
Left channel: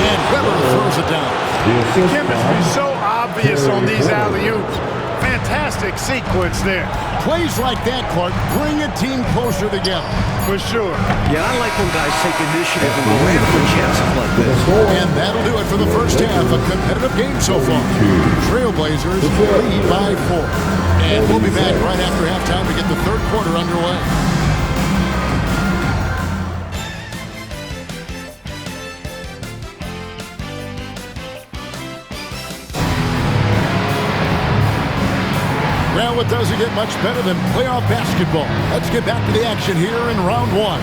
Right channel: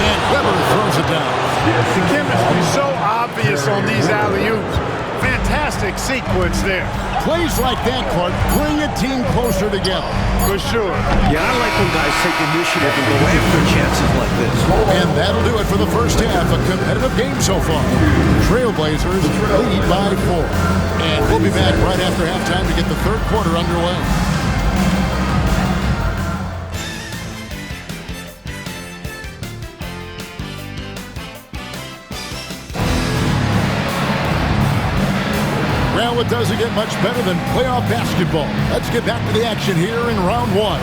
And Weber throws it down. The chemistry is so obvious on these alley-oops. Fantastic sequence there. Plays like that, Clark, bring a team closer together. For sure. Yeah, I like when guys take initiative and go after chances like this. And that'll do it for the first half. A competitive game so far. Trailblazers lead by 4. And we'll be back right after halftime to get the third quarter underway. Well, it doesn't get much better than playoff basketball. Let's get back to the action here in round 1.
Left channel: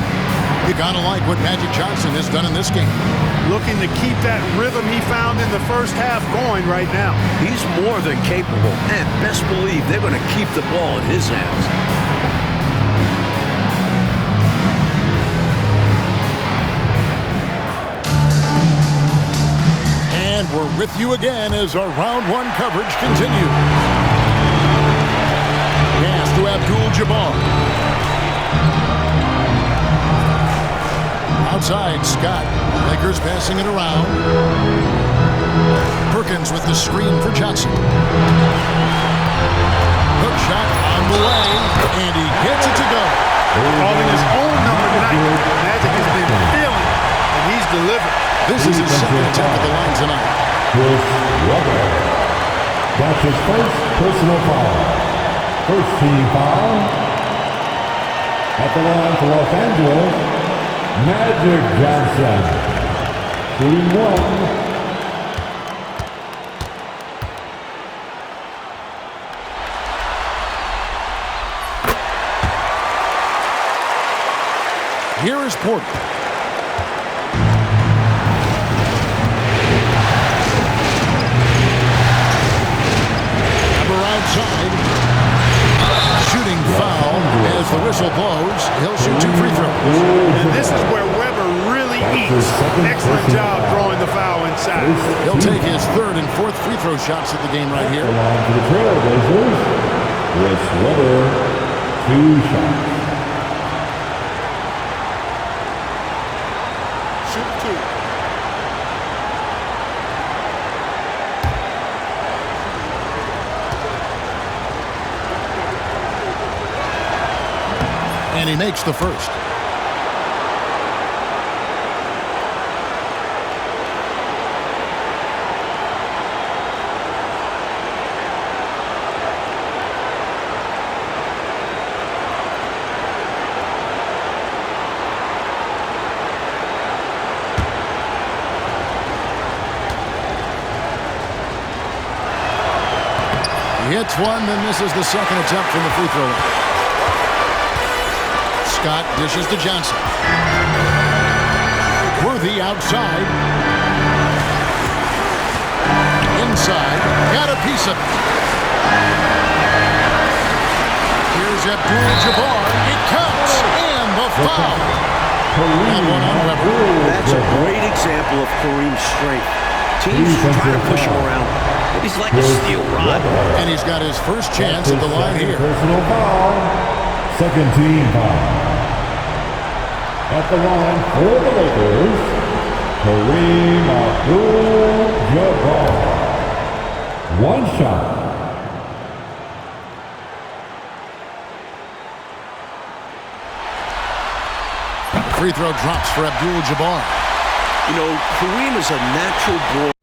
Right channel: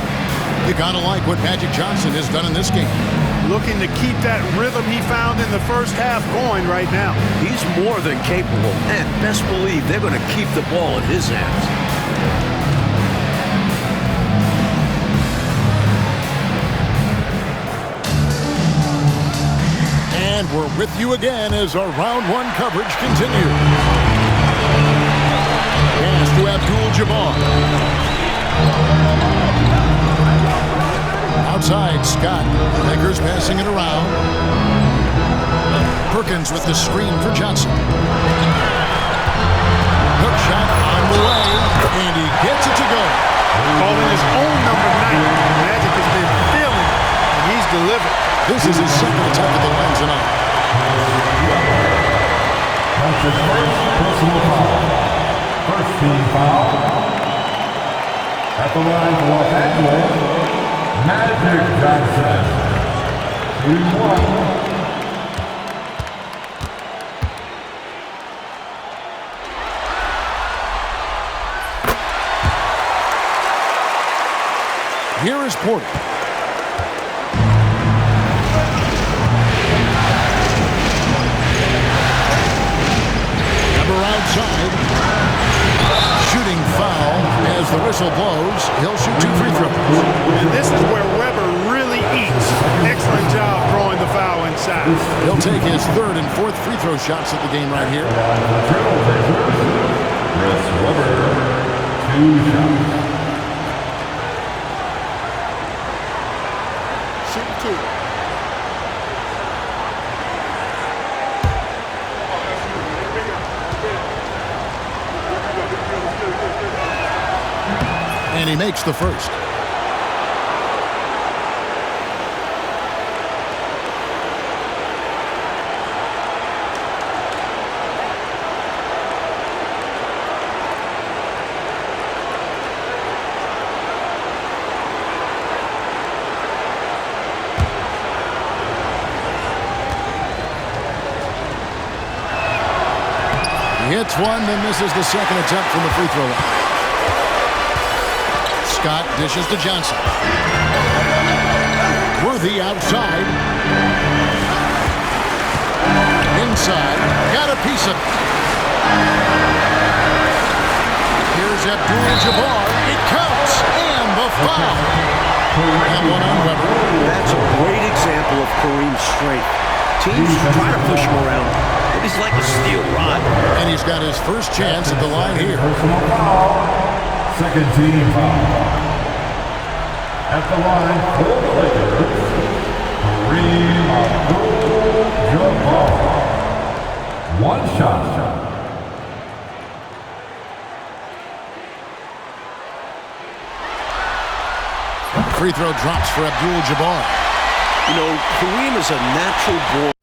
You gotta like what Magic Johnson has done in this game. Looking to keep that rhythm he found in the first half going right now. He's more than capable, and best believe they're going to keep the ball in his hands. And we're with you again as our round 1 coverage continues. Pass to Abdul-Jabbar. Outside, Scott. Lakers passing it around. Perkins with the screen for Johnson. Hook shot on the way, and he gets it to go. Calling his own number 9. Magic has been feeling, and he's delivered. This is his second attempt at the line tonight. Chris Webber. That's his first personal foul. First team foul. At the line for Los Angeles, Magic Johnson. Shooting 1. Here is Porter. Number outside. Shooting foul as the whistle blows. He'll shoot 2 free throws. And this is where Webber really eats. Excellent job drawing the foul inside. He'll take his 3rd and 4th free throw shots of the game right here. For the Trailblazers, Chris Webber, 2 shots. Shooting 2. And he makes the first. He hits one, then misses the second attempt from the free throw line. Scott dishes to Johnson. Worthy outside. Inside. Got a piece of it. Here's Abdul-Jabbar. It counts. And the foul. And one on Webber. That's a great example of Kareem's strength. Teams try to push him around, but he's like a steel rod. And he's got his first chance at the line here. Personal foul. Second team foul. At the line for the Lakers, Kareem Abdul-Jabbar. 1 shot. Free throw drops for Abdul-Jabbar. You know, Kareem is a natural born